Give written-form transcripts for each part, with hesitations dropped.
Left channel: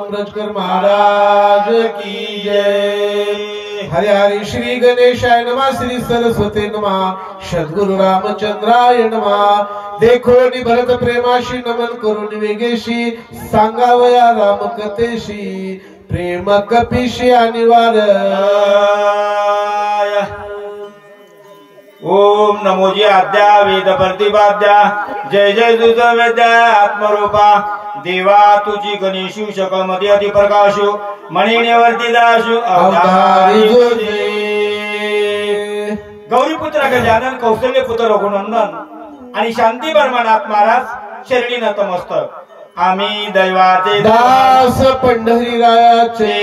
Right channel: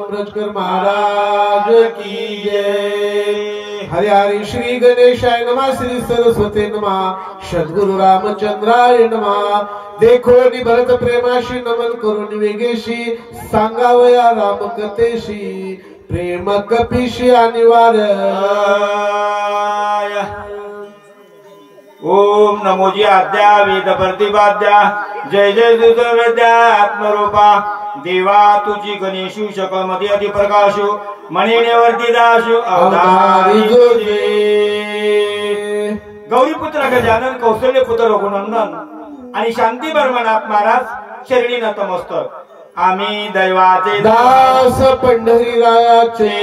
ब्रजकर महाराज की जय। हरि हरि श्री गणेशाय नमः, श्री सरस्वती नमः, सद्गुरु रामचंद्राय नमः। देखो नि भरत प्रेमाशी नमन करून वेगेशी, सांगावया राम कथेशी, प्रेम कपीशी अनिवार्य। ओम नमोजी आद्या वेद प्रतिपाद्या, जय जय दुर्ग वेद्या आत्मरूपा, देवा तुझी गणेशु शकलमती अति प्रकाशु, मणिनेवरती दाशु अवतारी तुझे। गौरीपुत्र गजानन, कौशल्य पुत्र रघुनंदन आणि शांती बर्मनाथ महाराज शरणी नतमस्तक। आम्ही दैवाचे दास पंढरीरायाचे।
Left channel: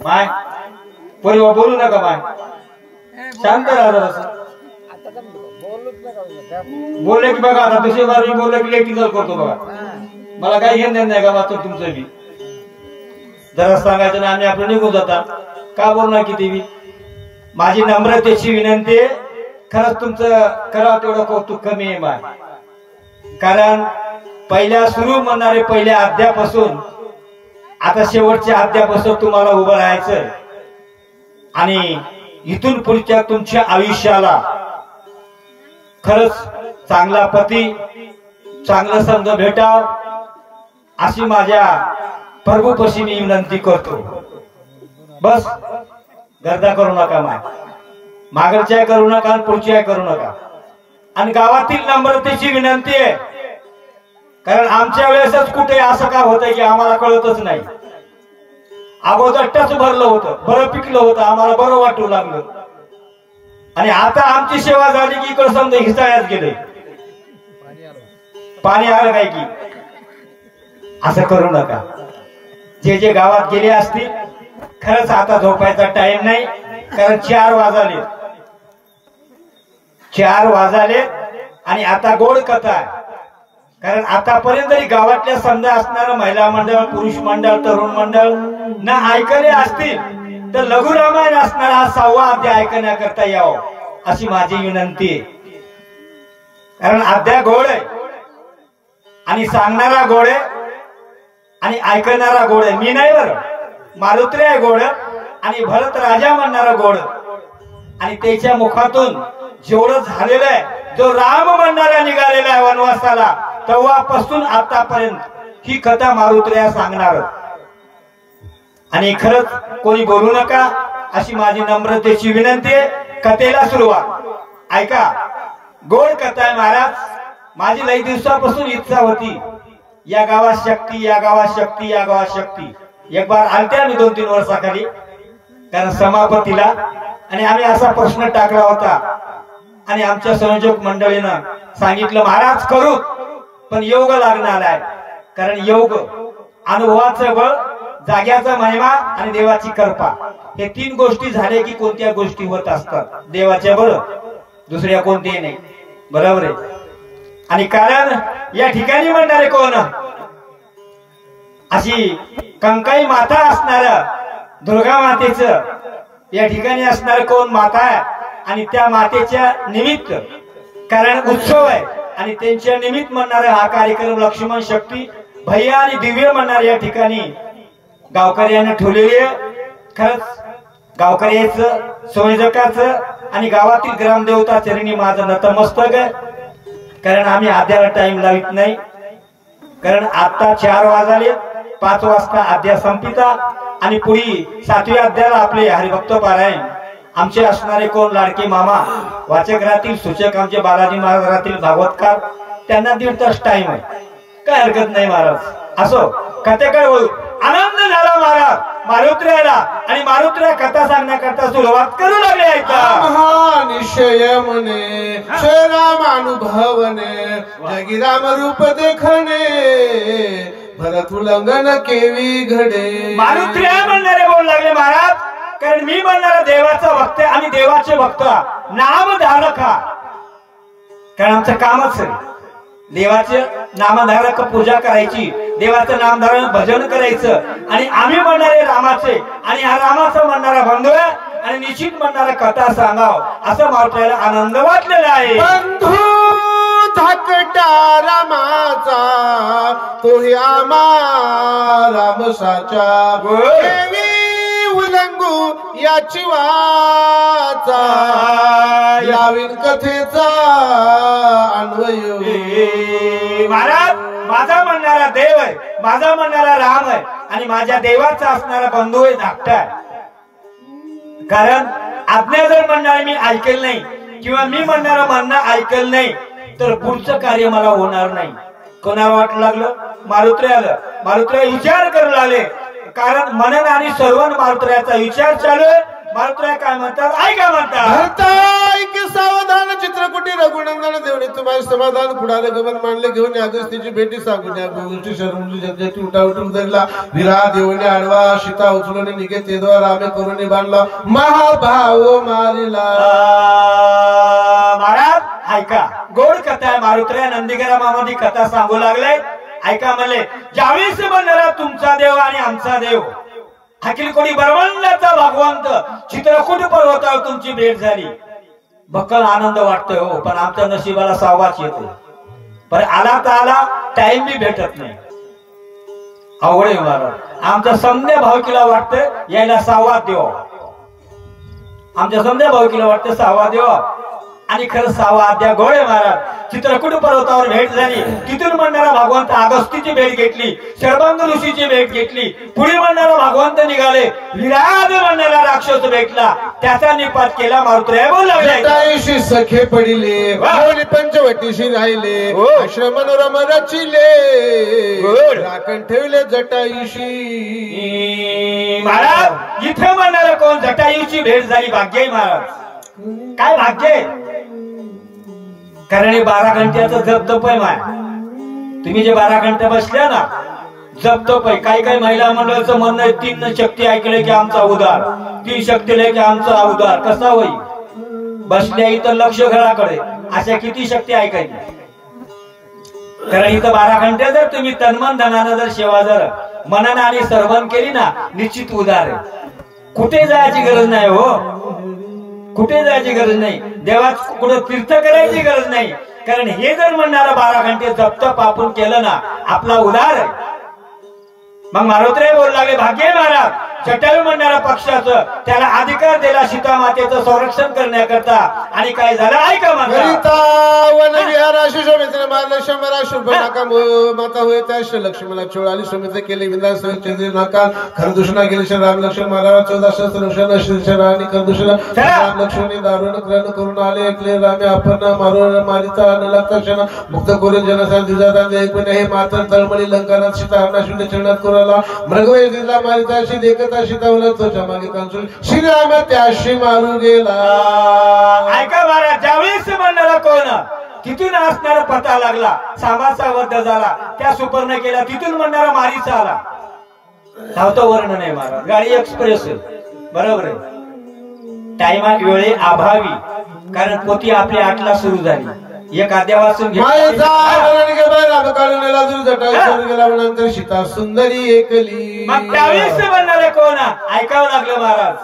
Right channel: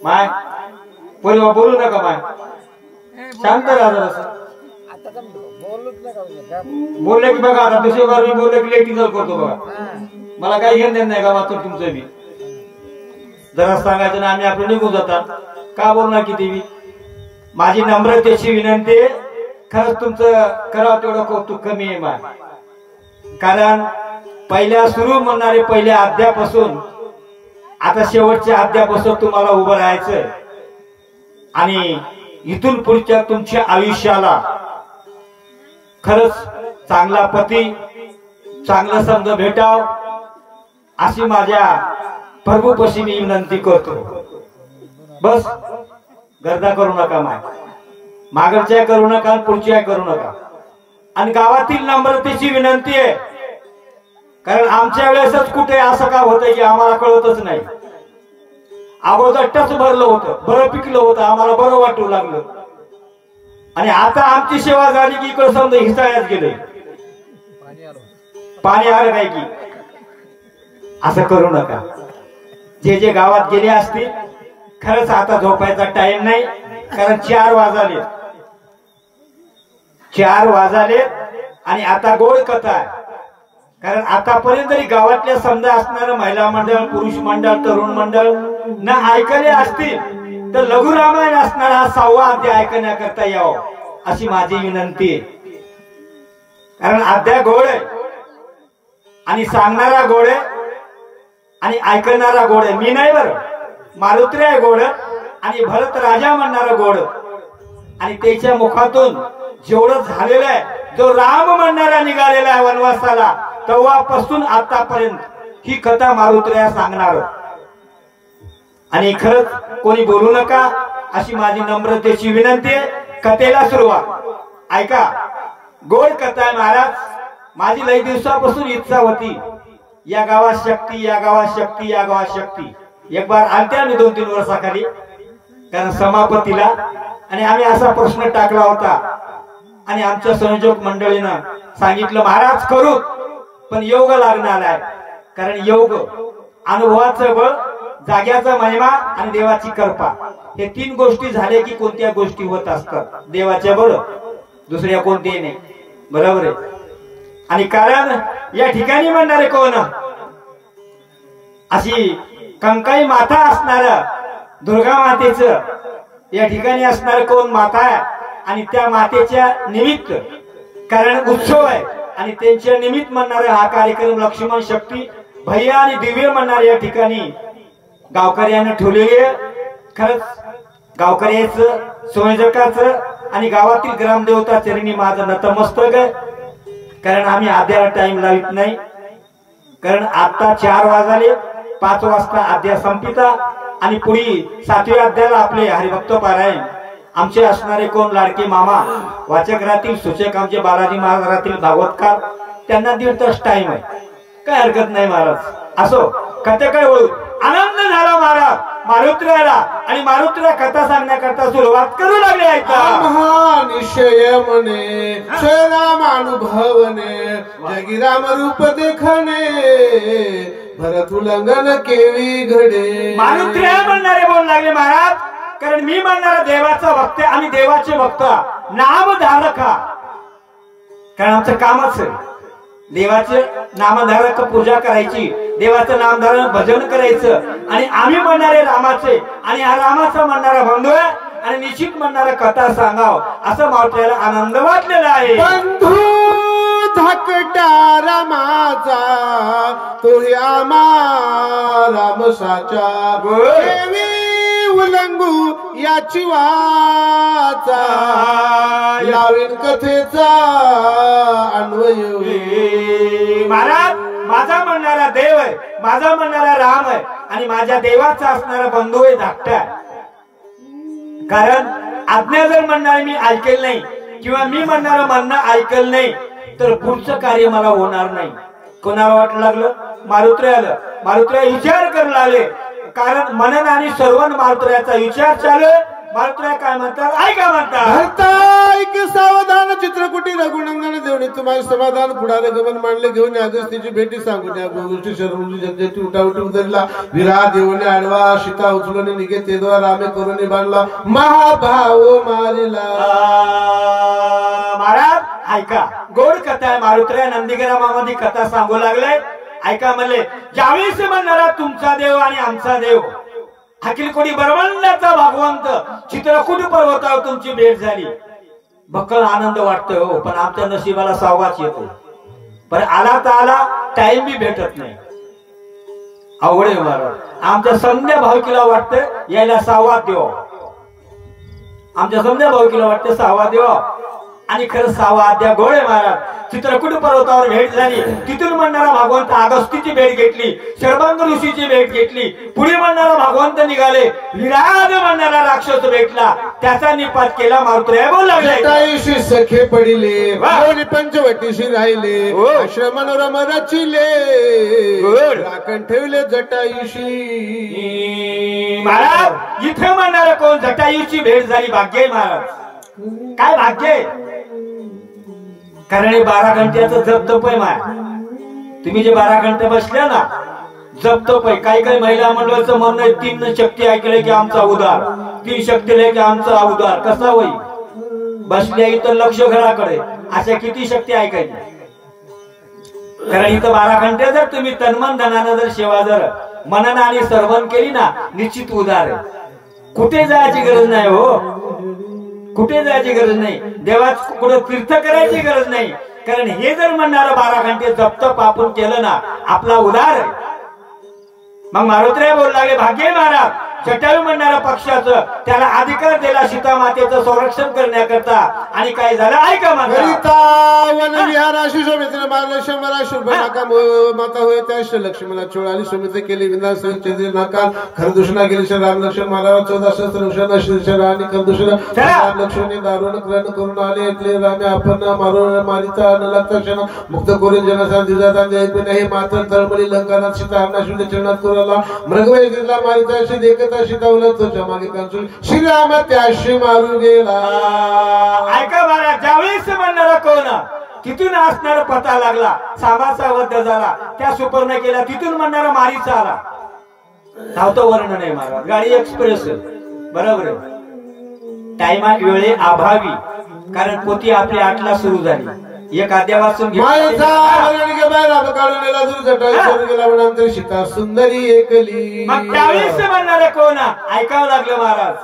माय पूर्व बोलू नका माय, शांत राहा जरासं। बोलले की बघा आता दुसरी बार मी बोलले की लेक्टिकल करतो बघा, मला काही घेणं देणं नाही का वाचतो तुमचं मी जरा सांगायचं ना, आम्ही आपलं निघून जाता का बोलणार किती बी। माझी नम्रतेची विनंती आहे, खरंच तुमचं करावं तेवढं कौतुक कमी आहे माय, कारण पहिल्या सुरू म्हणणारे पहिल्या अध्यापासून आता शेवटच्या अध्यापासून तुम्हाला उभं राहायचं आणि इथून पुढच्या तुमच्या आयुष्याला खरंच चांगला पती चांगला संघ भेटाव अशी माझ्या प्रभूपशी मी विनंती करतो। बस गर्दा करू नका माय, मागच्या करू नका, पुढच्या करू नका। आणि गावातील नम्रतेची विनंती आहे, कारण आमच्या वेळेसच कुठे असं का होतंय की आम्हाला कळतच नाही। अगोदर टच भरलं होतं, बरं पिकलं होतं, आम्हाला बरं वाटू लागलं, आणि आता आमची सेवा झाली की इकडे समजा हिसाळ्यात गेले, पाणी आलं काय की। असं करू नका। जे जे गावात गेले असतील खरंच आता झोपायचा टाइम नाही, कारण 4 वाजले, 4 वाजले आणि आता गोड कथा आहे। कारण आतापर्यंत जरी गावातल्या समजा असणारं महिला मंडळ, पुरुष मंडळ, तरुण मंडळ न ऐकले असतील तर लघु रामायण असणारा हा 6वा अध्याय ऐकण्याकरता यावं अशी माझी विनंती आहे। कारण अध्याय गोड आहे आणि सांगणारा गोड आहे आणि ऐकणारा गोड आहे। मी नाही बरं, मारुत्री आहे गोड आणि भरत राजा म्हणणारा गोड, आणि त्याच्या मुखातून जेवढं झालेलं आहे, जो राम म्हणणारा निघालेला आहे वनवासाला, तेव्हापासून आतापर्यंत ही कथा मारुत्र्या सांगणार। आणि खरंच कोणी बोलू नका अशी माझी नम्रतेची विनंती आहे। कथेला सुरुवात ऐका, गोड कथा आहे महाराज। माझी लई दिवसापासून इच्छा होती या गावात शक्ती, या गावात शक्ती, या गावात शक्ती। एक बार आलत्या मी 2-3 वर्षाखाली, कारण समापतीला, आणि आम्ही असा प्रश्न टाकला होता आणि आमच्या संयोजक मंडळीनं सांगितलं महाराज करू, पण योग लागणार आहे। कारण योग, अनुभवाचं बळ, जाग्याचा महिमा आणि देवाची कृपा, हे 3 गोष्टी झाले की कोणत्या गोष्टी होत असतात। देवाच्या बळ, दुसऱ्या कोणत्याही नाही, बरोबर आहे। आणि कारण या ठिकाणी म्हणणारे कोण, अशी कंकाई माता असणार दुर्गा मातेचं या ठिकाणी असणार कोण माता आहे, आणि त्या मातेच्या निमित्त कारण उत्सव आहे आणि त्यांच्या निमित्त म्हणणारा हा कार्यक्रम लक्ष्मण शक्ती भैया आणि दिव्य म्हणणारे या ठिकाणी गावकऱ्यानं ठेवलेले। खरंच गावकऱ्याचं, संयोजकाचं आणि गावातील ग्रामदेवता चरणी माझं नतमस्तक आहे। कारण आम्ही आद्याला टाइम लावित नाही, कारण आता 4 वाजले, 5 वाजता अध्याय संपिता आणि पुढे 7व्या अध्यायाला आपले हरिभक्त पारायण। आमचे असणारे कोण लाडके मामा वाचक राहतील, सूचक आमचे बालाजी महाराज राहतील, भागवतकार, त्यांना 1.5 तास टाइम आहे, काय हरकत नाही महाराज। असो, कथेकडे वळू। आनंद झाला महाराज मारुत्र्याला, आणि मारुत्र्या कथा सांगण्याकरता सुरुवात करू लागले। ऐका, महानिश्चय म्हणे श्रीराम अनुभवने, जगी राम रूप देखणे, भरत उल्लंघन केवी घडे। मारुत्र्या म्हणणारे बोलू लागले महाराज, कारण मी म्हणणारा देवाचा भक्त आणि देवाचे भक्त नामधारक, कारण आमचं कामच देवाचे नामधारक पूजा करायची, देवाचं नामधारण भजन करायचं, आणि आम्ही म्हणणारे रामाचे, आणि हा रामाचा म्हणणारा बंधू आहे, आणि निश्चित म्हणणारा कथा सांगाव असं मारुत्र्याला आनंद वाटलेला आहे। बंधू धाकटा रामाचा तो हे आमा रामसाचा देवी उलंगू याची वाचा लावीन कथेचा अन्वय महाराज माझा म्हणणारा देव आहे, माझा म्हणणारा राम आहे आणि माझ्या देवाचा असणारा बंधू आहे धाकटा. कारण आज्ञा जर म्हणणारे मी ऐकेल नाही किंवा मी म्हणणारं म्हणणं ऐकल नाही तर पुढचं कार्य मला होणार नाही. कोणाला वाटलं लागलं? मारुत्रे आलं. मारुत्रे विचार करू लागले. कारण मनन आणि श्रवण मारुत्र्याचा विचार चालू आहे. मारुत्र्या काय म्हणतात ऐका म्हणतात. ऐक सावधान चित्रकुटी रघुनंदन देवणी तुम्हाला समाधान पुढाले गमन मांडले घेऊन अगस्तीची भेटी सांगून या गोष्टी शरणुली जनतेची उठावटी उतरला. विरा देवने आडवा सीता उचलून निघे तेदवा रामे करून बांधला महाभाव मारिला. महाराज ऐका गोड कथा आहे. मारुत्र्या नंदीग्रामामध्ये कथा सांगू लागले. ऐका म्हणले ज्यावेळेस म्हणणारा तुमचा देव आणि आमचा देव अखिलकोटी ब्रह्मांडाचा भगवंत चित्रकूट पर्वतावर तुमची भेट झाली. बक्कल आनंद वाटतोय हो, पण आमच्या नशिबाला सावाच येतो. पण आला तर आला टाइम बी भेटत नाही. अवघड आहे महाराज. आमच्या समध्या भावकीला वाटतं यायला सावा देव. आमच्या समध्या भावकीला वाटतं सावा देव आणि खरं सावा अद्या गोळे महाराज. चित्रकूट पर्वतावर भेट झाली. तिथून म्हणणारा भगवंत अगस्तीची भेट घेतली, शर्वांग ऋषीची भेट घेतली. पुढे म्हणणारा भगवंत निघाले. विराज म्हणणारा राक्षस भेटला, त्याचा निपात केला. मारुत्र्या बोल लागले सखे पडिले पंचवटीशी राहिले आश्रम मनोरम रचिले राखण ठेवले जटायुशी. महाराज इथे म्हणणारा कोण? जटायुची भेट झाली. भाग्य आहे महाराज. काय भाग्य आहे? कारण हे 12 घंट्याचं जप तप आहे माय. तुम्ही जे 12 घंटे बसले ना जप तप आहे. काही काही महिला मंडळाचं म्हणणं आहे 3 शक्ती ऐकले की आमचा उद्धार, 3 शक्तीले की आमचा उद्धार. कसा होईल? बसल्या इथं लक्ष घराकडे अशा किती शक्ती ऐकायची? कारण इथं 12 घंटे जर तुम्ही तन्मन धनानं जर सेवा जर मनन आणि श्रवण केली ना निश्चित उद्धार आहे. कुठे जायची गरज नाही हो, कुठे जायची गरज नाही. देवाच कुठे तीर्थ करायची गरज नाही. कारण हे जर म्हणणारा 12 घंटे जपतप आपण केलं ना आपला उद्धार आहे. मग मारुत्र्या बोलू लागले भाग्य महाराज. जटायू म्हणणाऱ्या पक्षाचं त्याला अधिकार दिला सीता मातेचं संरक्षण करण्याकरता. आणि काय झालं ऐका म्हणतात माता होय त्या लक्ष्मणा 44 समिती केली. विंदा नाकाल खरदूषणा गेली. राम लक्ष्मण महाराज 14 सहस्र आणि खरदूषण राम लक्ष्मणी दारुण ग्रहण करून आले. ऐकले रामे आपण मारून मारिता न लागता क्षण मुक्त करून जनसा दिजाता ऐकून हे मात्र तळमळी लंकानात सीता हरणाशुद्ध चरणात करूला मृगवय दिला मारिताशी देखता सीता उलट तो मागे कंचूल श्रीराम त्याशी मारू गेला. ऐका महाराज ज्यावेळेस म्हणणारा कोण तिथून असणारा पता लागला. सामाचा वध झाला. त्या सुपर्ण केला. तिथून म्हणणारा मारीचा आला. धावतो वर्णन आहे महाराज. गाडी एक्सप्रेस बरोबर आहे. टाइमा वेळे अभावी. कारण पोती आपली 8ला सुरू झाली. एक अध्याय वाचून गेल्यानंतर सीता सुंदरी एकली. मग त्यावेळेस म्हणणारे कोण ऐकावं लागलं महाराज.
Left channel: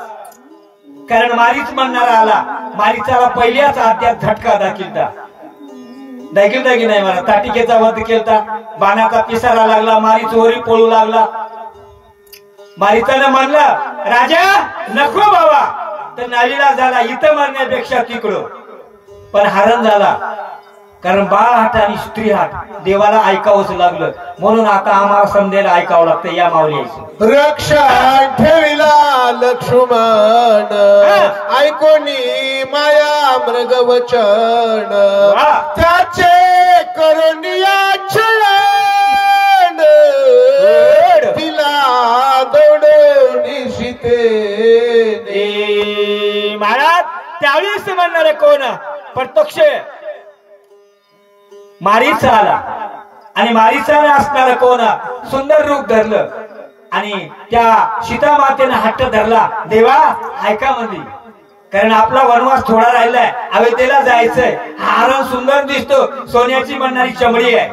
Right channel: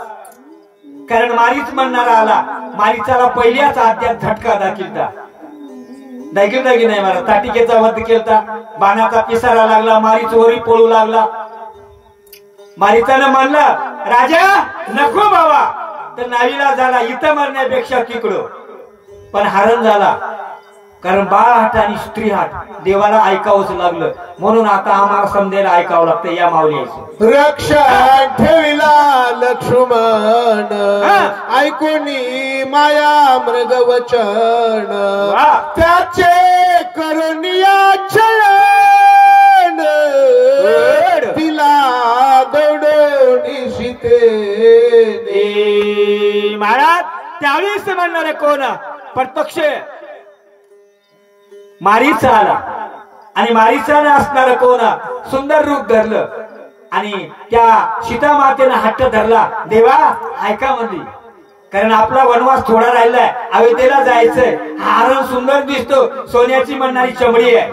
कारण मारीच म्हणणारा आला. मारीचाला पहिल्याच अध्यात झटका दाखिलता. दाखील दाखी नाही महाराज. ताटिकेचा वध केलता. बाणाचा पिसारा लागला. मारीच वरी पळू लागला. मारीचानं म्हणलं राजा नको बाबा. तर नावीला झाला इथं मरण्यापेक्षा तिकडं. पण हरण झाला. कारण बाळ हाट आणि स्त्री हाट देवाला ऐकावंच लागलं. म्हणून आता आम्हाला समजायला ऐकावं लागतं. या माऊलीचं रक्षा ठेविला लक्ष्मण ऐकोनी माया मृग वचन त्याचे करुणिया छळण तिला दौडवणी सीते. महाराज त्यावेळेस म्हणणारे कोण? प्रत्यक्ष मारीचा आला. आणि मारीचा असणारं कोण? सुंदर रूप धरलं. आणि त्या सीता मातेनं हट्ट धरला. देवा ऐका म्हणली. कारण आपला वनवास थोडा राहिलाय. अयोध्येला जायचंय. हरण सुंदर दिसतो. सोन्याची म्हणणारी चमडी आहे,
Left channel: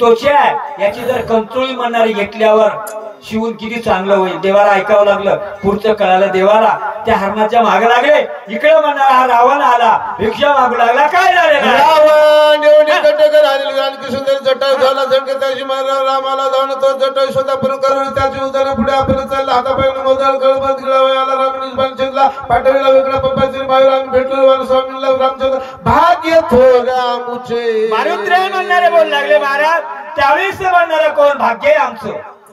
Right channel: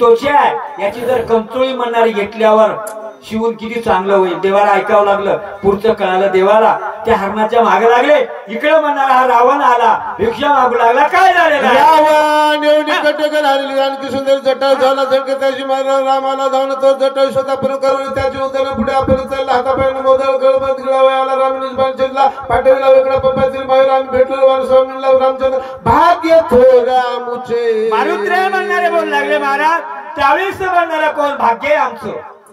त्वचा आहे. याची जर कंचोळी म्हणणारी घेतल्यावर शिवून किती चांगलं होईल. देवाला ऐकावं लागलं, पुढचं कळालं देवाला. त्या हरणाच्या मागे लागले. इकडे म्हणणार हा रावण आला, भिक्षा मागू लागला. काय झालेलं रावण एवढी कटकर आलेली आणखी सुंदर जटा झाला झटके त्याची मारा रामाला जाऊन तो जटा शोधा पूर्ण करून त्याची उदार पुढे आपण चालला. हातापायनं मोदर गळबत गिळावयाला रामनिज बालचंदला पाठविला वेगळा पप्पातील बाहेर आणि भेटलो स्वामीला रामचंद्र भाग्य थोड्या मुचे. मारुत्र्या म्हणणारे बोल लागले महाराज. त्यावेळेस म्हणणारा कोण? भाग्य आहे आमचं,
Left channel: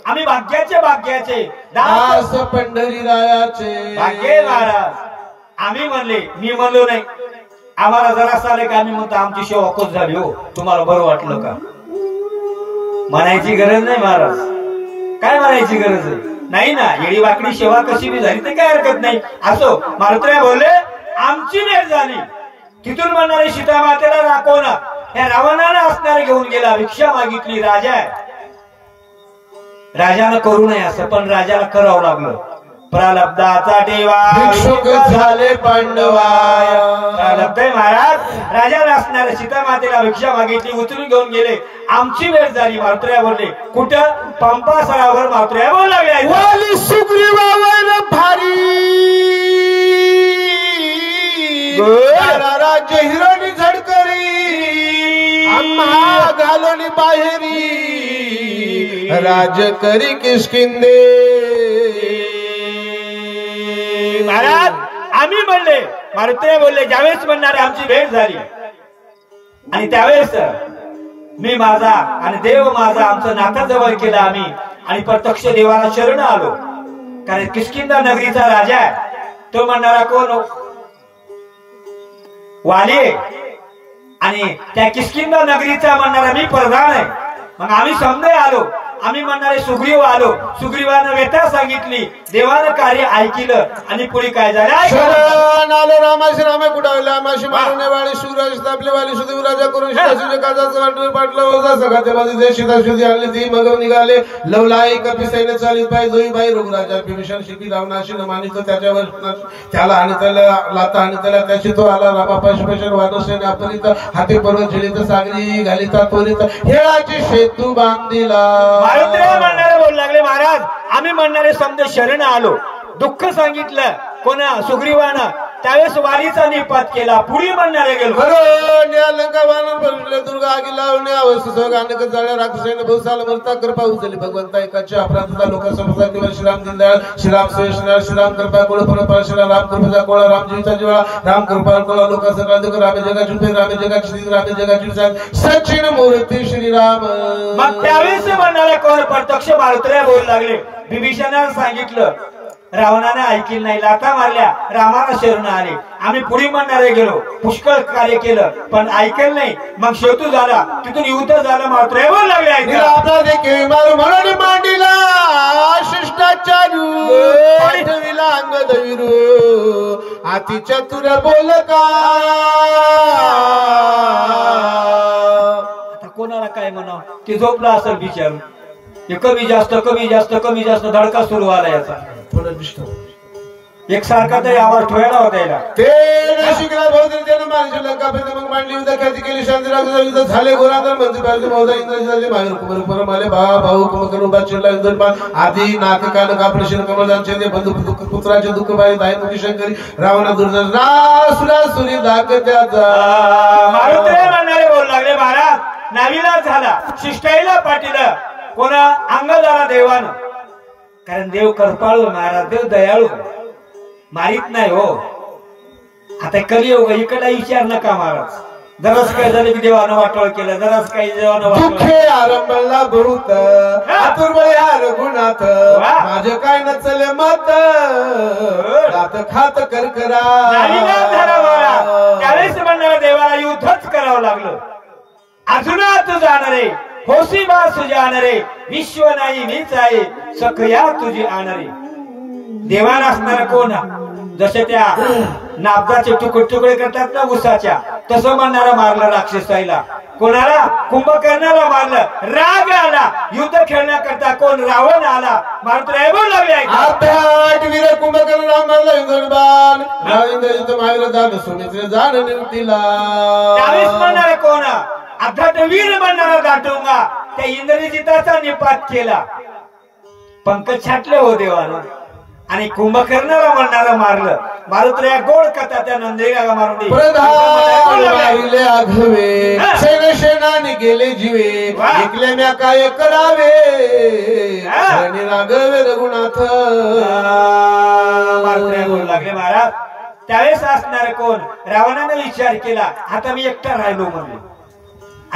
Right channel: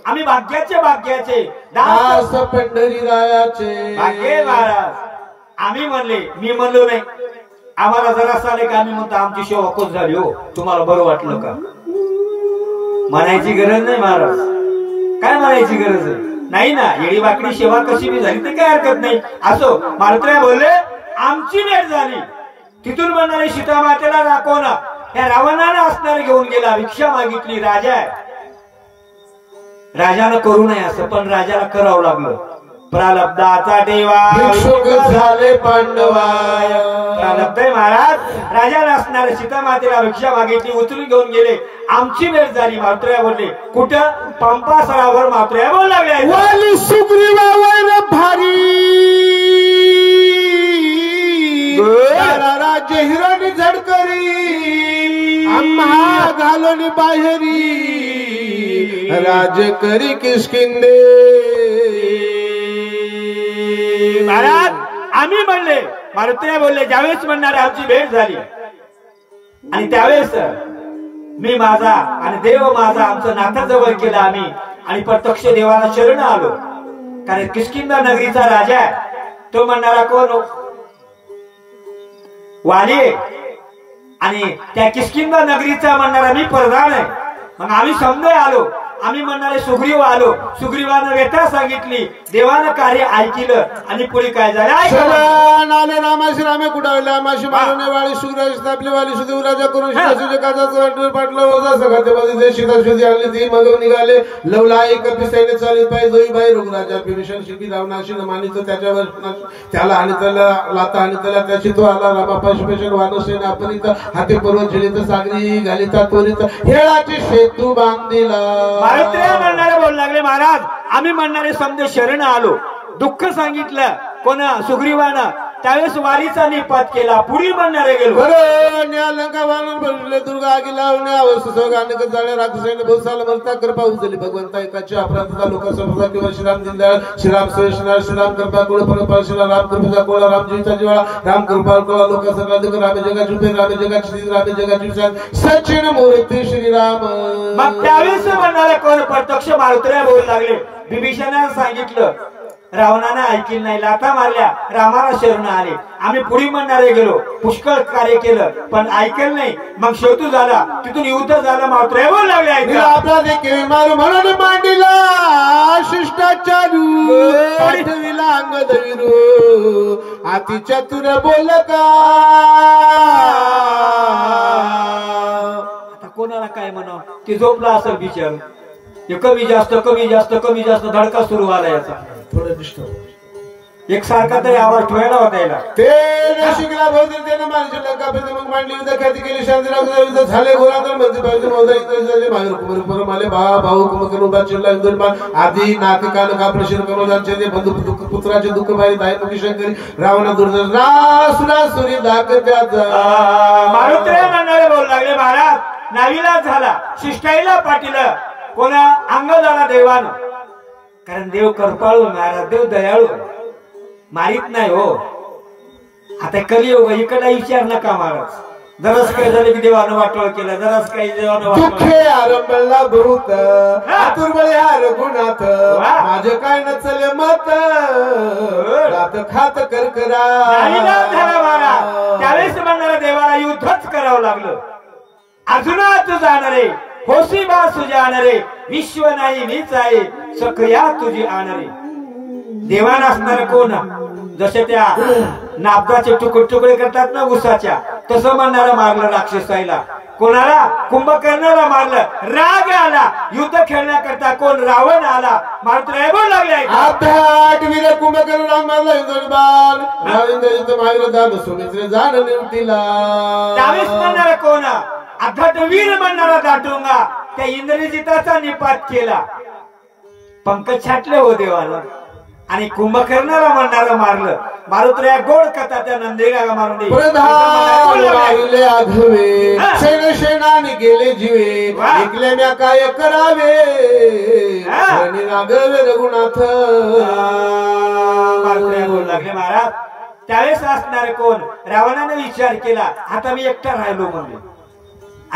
आम्ही भाग्याचे दास पंढरीरायाचे भाग्य महाराज. आम्ही म्हणले, मी म्हणलो नाही, आम्हाला जरा आले का आम्ही म्हणतो आमची सेवा कोच झाली हो, तुम्हाला बरं वाटलं का? म्हणायची गरज नाही महाराज. काय म्हणायची गरज नाही ना. येडी वाकडी सेवा कशी बी झाली तर काय हरकत नाही. असो मारुत्र्या बोलले आमची भेट झाली. तिथून म्हणणारे सीता मातेला दाखवण या रावणाला असणारे घेऊन गेला. भिक्षा मागितली. राजा आहे, राजानं करू नये असं, पण राजाला करावं लागलं. प्रारब्धाचा ठेवा भिक्षुक झाले पांडवाय. प्रारब्ध आहे महाराज. राजाला असणारे सीता मातेला भिक्षा मागितली, उचलून घेऊन गेले. आमची भेट झाली. मारुत्र्या बोलले कुठं? पंपा सरावर. मारुत्र्या बोल लागले सुग्रीवावर भारी राज्य हिरोनी झडकरी आम्हा घालोनी बाहेरी राज करी किष्किंदे. महाराज आम्ही म्हणले, मारुत्र्या बोलले ज्यावेळेस म्हणणारे आमची भेट झाली आणि त्यावेळेस मी माझा आणि देव माझा आमचं नातं जवळ केलं आम्ही आणि प्रत्यक्ष देवाला शरण आलो. कारण किष्किंधा नगरीचा राजा आहे. तो म्हणणारा कोण? वाली आहे. आणि त्या किष्किंधा नगरीचा म्हणणारा मी प्रधान आहे. मग आम्ही समजे आलो. आम्ही म्हणणारे सुग्रीव आलो. सुग्रीवानं व्यथा सांगितली, देवानं कार्य ऐकलं आणि पुढे काय झालं आलो. रामाशी रामे कुडावला माशी मारणे वाळी सुराज स्थापले वाली सुदेव राजा करून शिवाजी काजाचं पाटलं रोजा सगळ्या माझे सीता शोधी आणली. ती मग निघाले लवलाई कपिसेने चालीत पाय जोईबाई रघुराजा विभीषण शिबी रावणाशी मानित त्याच्यावर त्याला आणि त्याला लाता आणि त्याला त्याची तो आला. रामापाशी पेशन वानसेने अपरित हाती पर्वत झेलित सागरी घालिता त्वरित हेळाची सेतू बांधिला. मारुत्र्या म्हणणारे बोल लागले महाराज आम्ही म्हणणारे समजे शरण आलो. दुःख सांगितलं कोणा? सुग्रीवानं. त्यावेळेस वालीचा निपात केला. पुढे म्हणणारे गेलो. लंका वानर बनले दुर्गा आगी लावणे अवस्था अनेक जाळ्या राक्षसाने बहुसाला मरता कृपा उचलली. भगवंता एकाच्या अपराधाचा लोकसभा किंवा श्रीराम दिनदयाळ श्रीराम श्रेष्ठनाळ श्रीराम कृपा कोळ परपाळ श्रीराम राम कृपेचा कोळा राम जीवचा जिवाळा राम कृपा कोळा लोकांचा दुःख रामे जगा झुपे रामे जगा श्री रामे जगा जीवचा सचिन मूर्ती श्रीराम. मग त्यावेळेस म्हणणारे कोण? प्रत्यक्ष मारुत्र्या बोल लागले. विभीषणाने सांगितलं, रावणानं ऐकलं नाही, लाथा मारल्या, रामाला शरण आले. आम्ही पुढे म्हणणारे गेलो, पुष्कळ कार्य केलं पण ऐकलं नाही. मग शेवटू झाला, तिथून युद्ध झालं. मात्र बोल लागले म्हणून मांडीला शिष्टाचारू अंगद विरू अति चतुर बोल का. आता कोणाला काय म्हणावं? ते झोपला असेल बिचारू. कमी जास्त धडका सुरू आला याचा. थोडं डिस्टर्ब एक सारखा तरी आवाज ठेवायला होता याला. ते नाशिकला बहुतेक त्यानं माणसं लंका मग मांडली युद्ध ख्याती केली. शांतीराव युद्ध झाले. गोराधर मंत्री पाहिजे मौजा इंद्रजी मागे कुमार माले भाऊ कुमकर उभा चिरला युद्धमान आधी नाटकाल कापड शिर कमलदानचे ते बंधू दुःख पुत्राचे दुःख पाहिजे दाई मुखी शंकरी रावणा दुर्जन सुरासुरी दाखत्याचा. मारुत्र्या म्हणणारे बोल लागले महाराज नावीला झाला, शिष्टाईला पाटीलं कोणा अंगदाला देवानं. कारण देव कृपाळू महाराज, देव दयाळू, मारित नाही हो. आता कलियुग इकडला विचार नका महाराज. जरास काय झालं की देवानं वाटोळ केलं, जरास काही देवानं दुःखे आरंभला बहुत आतुरबळ्या रघुनाथ माझं काय नचले मत रात खात करकरा. त्यावेळेस म्हणणारा देवाला युद्धच करावं लागलं. अजूनात जाणारे होशी बा सुजाणारे विश्व नाही मीच आहे सक्रिया तुझी आणरे. देवाला असणारा कोण? जसे त्या नाबदाचे तुकडे करतात ना उसाच्या, तसं म्हणणारा मारलं राक्षसाईला. कोणाला? कुंभकर्णाला मारलं. राग आला, युद्ध खेळण्याकरता कोण? रावण आला. मारुत्र्या बोल लागले वीर कुंभकर्ण राम मारला इंद्रबाण सुमित्र जाण निवतीला. त्यावेळेस म्हणणारा कोण? अर्थात वीर म्हणणारा दाटूंगा. त्या इंद्रजिताचा निपात केला. पंकज छाटले हो देवानं आणि कुंभकर्णाला म्हणणारा मारलं. मारुतीला गोड कथा त्या नंदेला मारून दे. प्रधान आघवे सेन शेनाने गेले जीवे ऐकल्या म्या काय करावे आणि राघवे रघुनाथ. मारुतीला बोलू लागले महाराज. त्यावेळेस असणार कोण? रावणाने विचार केला आता मी एकटा राहिलो म्हणजे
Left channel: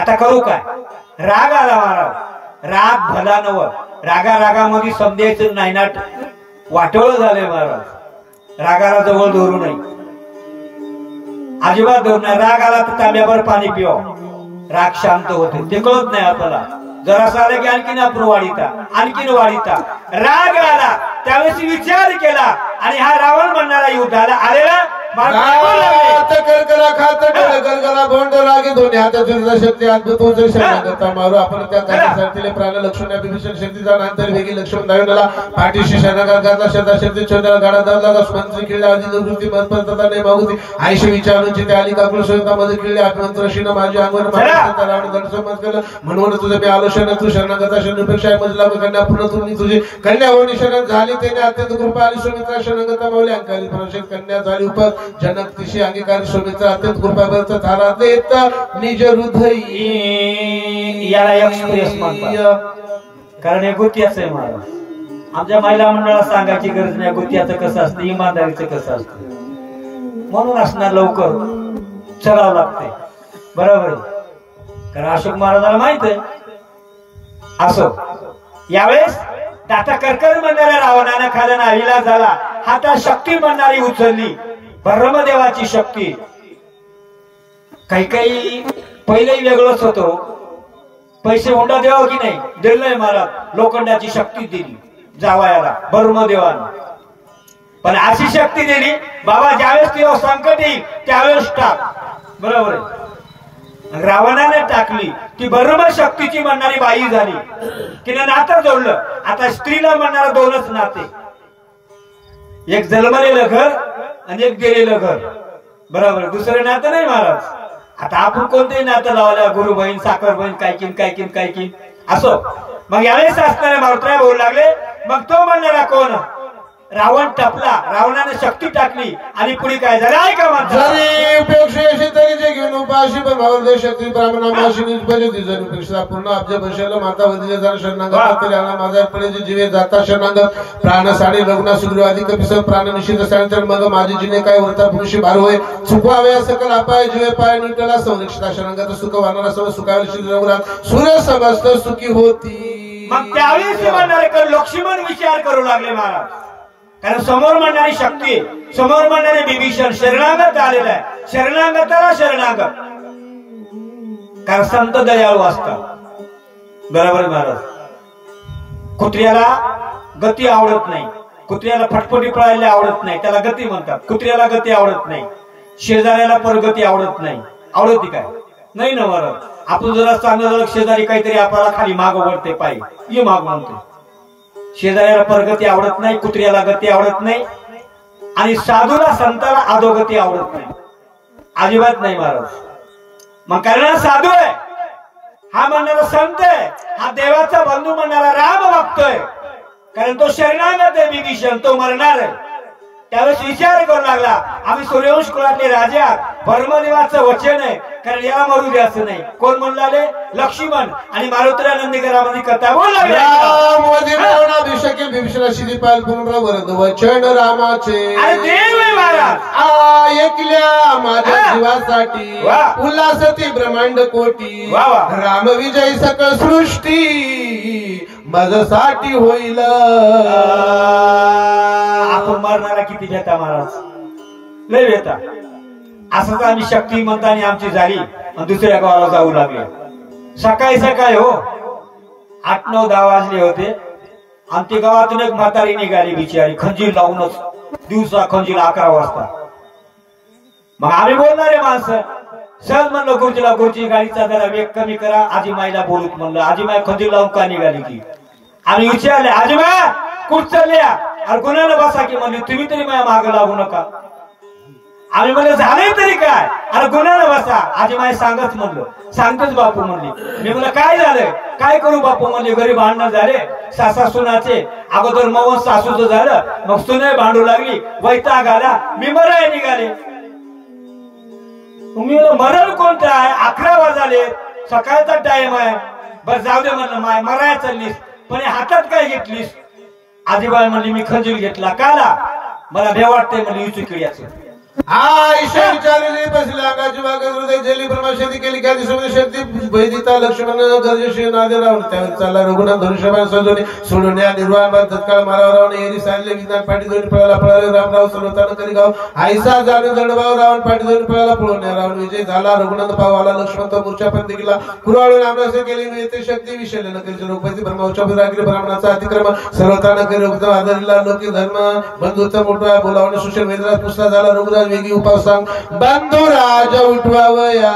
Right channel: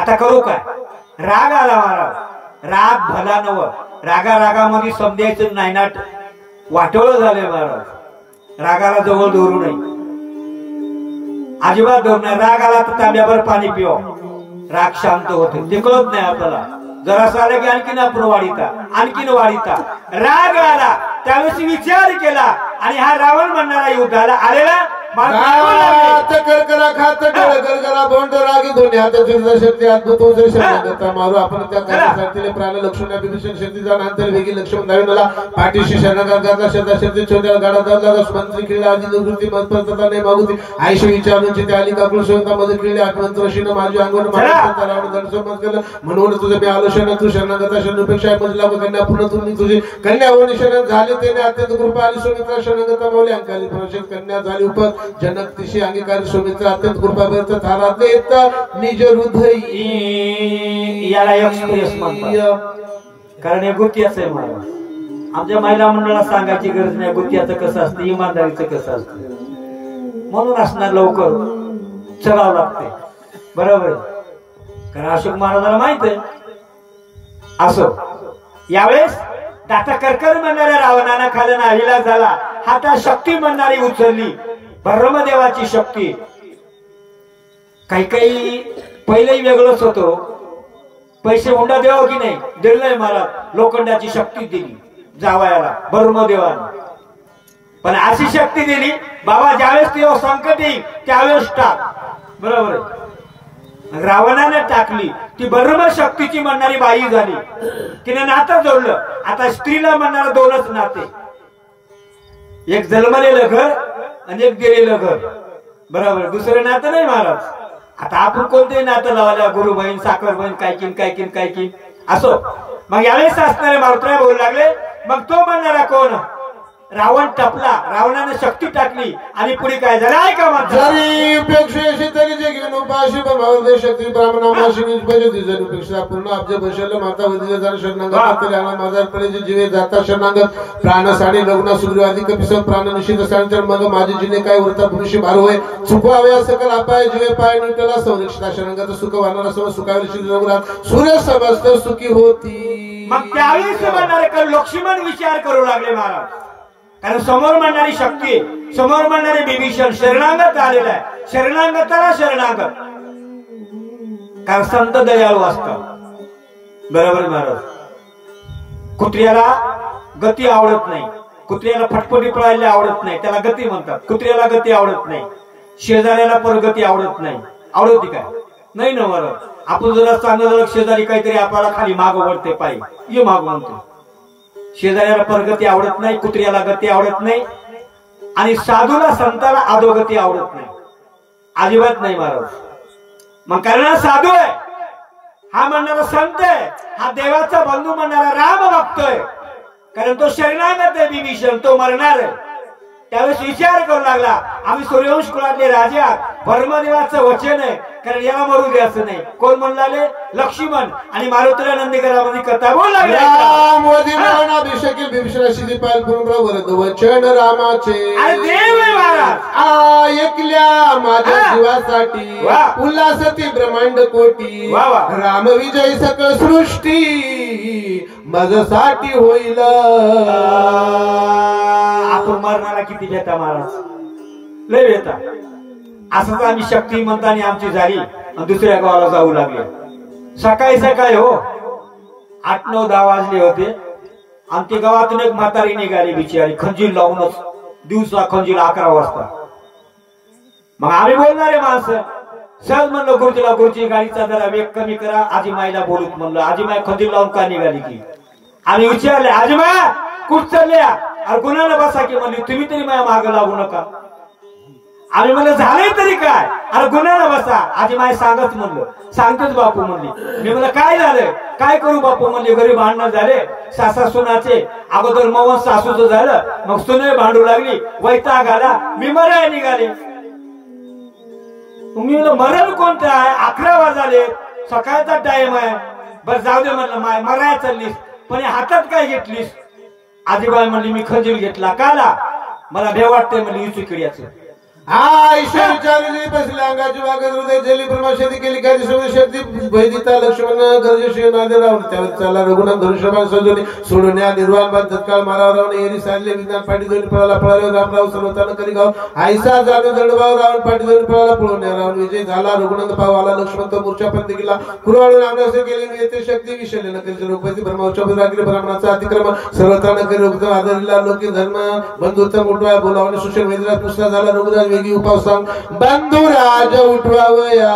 आता करू काय? राग आला महाराज. राग भला नव. रागा रागामध्ये समजायचं नाही नाट वाटोळ झाले महाराज. रागाला जवळ धरू नाही अजिबात धरू नाही. राग आला तर तांब्यावर पाणी पिवा. राग शांत होते ते कळत नाही आपल्याला. जरासा आला की आणखीन आपण वाढीता. राग आला त्यावेळेस विचार केला आणि हा रावण म्हणणारा युद्धाला आलेला करकरा खात गरगरा बोंड रागे दोन्ही हातात शक्ती अद्भुत शरणागता मारू. आपण त्या कार्यासाठी प्राण लक्ष्मण विभीषण शक्तीचा नंतर वेगी लक्ष्मण धावला पाठीशी शरणागता शब्दा शक्ती छोट्या गाडा दादा मंत्री किल्ला आधी निवृत्ती मतपरता नाही मागुती आयशी विचारून जिथे आली काकुळ शोधा मध्ये किल्ले आत्मंत्रशीनं माझी अंगवर मारता रावण दर्शन केलं. म्हणून तुझं मी आलोचना तू शरणागता शरणुपेक्षा मजला कन्या पूर्ण तुम्ही तुझी कन्या होणी शरण झाली त्याने अत्यंत कृपा आली. सुमित्रा शरणागता मावली अंकाली प्रशत कन्या झाली उपर जनक तिशी अंगीकारी सुमित्रा अत्यंत कृपाभक्त थारा देत निज हृदय. याला एक्सप्रेस म्हणतात कारण हे गुत्याच आहे मला. आमच्या महिला मंडळाला सांगायची गरज नाही गुत्याचं कसं असतं इमानदारीचं कसं असतं. म्हणून असणार लवकर चलावं लागते बरोबर कारण अशोक महाराजाला माहित आहे. असो यावेळेस दाता करकर म्हणणाऱ्या रावणानं खाली नाहीला झाला. हातात शक्ती म्हणणारी उचलली ब्रह्मदेवाची शक्ती. काही पहिलेही वेगळंच होतो. पैसे हुंडा द्यावं की नाही दिलंय मला. लोखंडाची शक्ती दिली जावयाला ब्रह्मदेवानं. पण अशी शक्ती दिली बाबा ज्यावेळेस तेव्हा संकट येईल त्यावेळेस टाक बरोबर आहे. रावणाने टाकली ती ब्रह्म शक्तीची म्हणणारी बाई झाली. तिने नातं जोडलं. आता स्त्रीला म्हणणारा दोनच नाते एक जन्मलेलं घर आणि एक गेलेलं घर बरोबर. दुसरं नातं नाही महाराज. आता आपण कोणतंही नातं लावायला गुरु बहीण साखर बहीण काय असो. मग यावेळेस असणारे मारुतीराय बोलू लागले. मग तो म्हणणारा कोण? रावण टपला. रावणाने शक्ती टाकली आणि पुढे काय झालं ऐका म्हणतात. जरी उपेक्षेशी तरी जे घेऊन उपाशी भावदे शक्ती ब्राह्मणामाशी निष्पजती जरी उपेक्षा पूर्ण अब्ज बशल माता वदिले जरा शरणागत तरी आला माझा पडेचे जीवे जाता शरणागत प्राण साडी लग्न सुग्रीव अधिक पिसत प्राण निषिद्ध सांगतर मग माझे जिने काय वृत्ता पुरुषी भार होय चुकवावे सकल अपाय जीवे पाय निटला संरक्षिता शरणागत सुख वाहणारा सर्व सुखावेल श्री रघुराम सूर्य समस्त सुखी होती. मग त्यावेळेस म्हणणारे लक्ष्मण विचार करू लागले महाराज. कारण समोर म्हणणारी शक्ती समोर म्हणणारे विभीषण शरणागत आलेला आहे. शरणागताला शरणागत कारण संत दयाळू असतात बरोबर महाराज. कुत्र्याला गती आवडत नाही. कुत्र्याला फटफटी पळायला आवडत नाही त्याला गती म्हणतात. कुत्र्याला गती आवडत नाही. शेजाऱ्याला परगती आवडत नाही. आवडती काय नाही ना महाराज. आपण जरा चांगलं शेजारी काहीतरी आपल्याला खाली माग वळते पाहिजे ये माग म्हणतो. शेजाऱ्याला परगती आवडत नाही. कुत्र्याला गती आवडत नाही आणि साधूला संताला अधोगती आवडत नाही अजिबात नाही महाराज. मग कारण साधू आहे हा म्हणणारा संत आहे. हा देवाचा बंधू म्हणणारा राम बघतोय कारण तो शरणागत आहे विभीषण तो मरणार आहे. त्यावेळेस विचार करू लागला आम्ही सूर्यवंश कुळातले राजे आहात. ब्रह्मदेवाचं वचन आहे कारण याला मरू द्यायचं नाही. कोण म्हणलाले? लक्ष्मण आणि मारुतीराय नंदीकरामध्ये कथा बोल लागला. वचन रामाचे आणि देव महाराज ऐकल्या माझ्या जीवासाठी उल्हासती ब्रह्मांड कोटी राम विजय सकळ सृष्टी माझ्यासाठी होईल. आपण मरणारा किती भेटा महाराज लय भेटा. असंच आम्ही शक्ती म्हणतानी आमची झाली आणि दुसऱ्या गावाला जाऊ लागले. सकाळी हो 8-9-10 वाजले होते आणि ते गावातून एक म्हातारी निघाली बिचारी खंजीर लावूनच. दिवसा खंजीर 11 वाजता. मग आम्ही बोलणारे माणसं सहज म्हणलं गुरुजी गाडीचा जरा वेग कमी करा. आजीमाईला बोलत म्हणलं. आजीमाई खंजीर लावून का निघाली की आम्ही विचारले आजीमाई कुठ चालल्या? अरे गुन्ह्याला बसा की म्हणली तुम्ही तरी माझ्या मागे लागू नका. आम्ही म्हणलं झालंय तरी काय, अरे गुन्ह्याला बसा. आजी माय सांगच म्हणलं. सांगतोच बापू म्हणली. मी म्हणलं काय झालं, काय करू बापू म्हणली. घरी भांडणं झाले सासा सुनाचे. अगोदर मवन सासूचं झालं, मग सुने भांडू लागली, वैताग आला, मी मराय निघाले. मी म्हणलं मरल कोणतं आहे, 11 वाजले, सकाळचा टाइम आहे. बस जाऊ दे म्हणलं, माय मराय चाललीस, पण हातात काय घेतलीस. आजीबाई म्हणली मी खंजीर घेतला. काला, मला भे वाटते म्हणली चुकिड्याचं. ईश्वर विचारली बसले अंगाची वागत हृदय झाली ब्रह्मशक्ती केली काय शक्ती वैदिता लक्ष्मण गरजेशी नादे राहून त्यावेळी चालला रघुनाथ धनुष्यबाण सजवणे सोडून या निर्वाण बाण तत्काळ माराव रावण एरी सारले विज्ञान पाठी दोन्ही पळाला पळाले रामराव सर्वतान करी गाव आईसा जाणून दंडभाव रावण पाठी दोन्ही पळाला पळून रावण विजय झाला. रघुनाथ भाव आला लक्ष्मण तो मूर्छा पण गेला. कुरवाळून रामरासे केली येते शक्ती विषयले नकली रूपती ब्रह्मोच्चापती राखले ब्राह्मणाचा अतिक्रमण सर्वतान करी उत्तम आदरला लोकी धर्म बंधुत्व उठवा बोलावणे सुशल वेदराज पुष्टा झाला. रघुराज वेगी उपाव सांग बंधुराज उठवावया.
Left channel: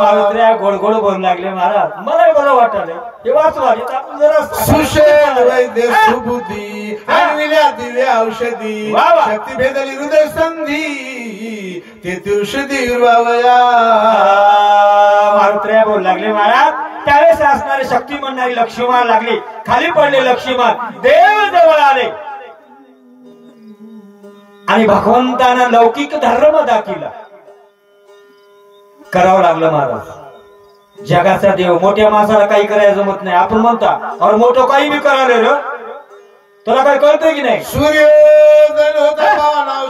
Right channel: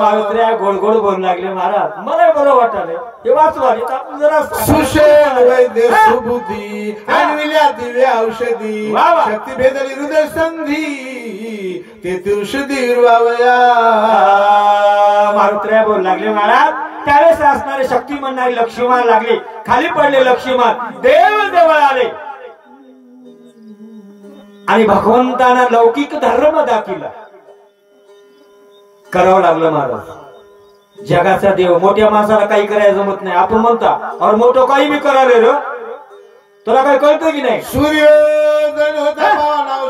मारुत्र्या गोड गोड बोलू लागले महाराज. मला बरं वाटलं हे वाचवा आपण जरा सुशेल वैद्य सुबुद्धी आणविल्या दिव्या औषधी शक्ती भेदली हृदय संधी ते औषधी उरवावया. मारुत्र्या बोलू लागले महाराज. त्यावेळेस असणारे शक्ती म्हणणारी लक्ष्मण लागली. खाली पडले लक्ष्मण देव जवळ आले आणि भगवंताना लौकिक धर्म दाखिला करावं लागलं महाराज. जगाचा देव मोठ्या माणसाला काही करायला जमत नाही. आपण म्हणता और मोठं काही मी करावले रे, तुला काही कळतंय की नाही. सूर्योदय होता राम राम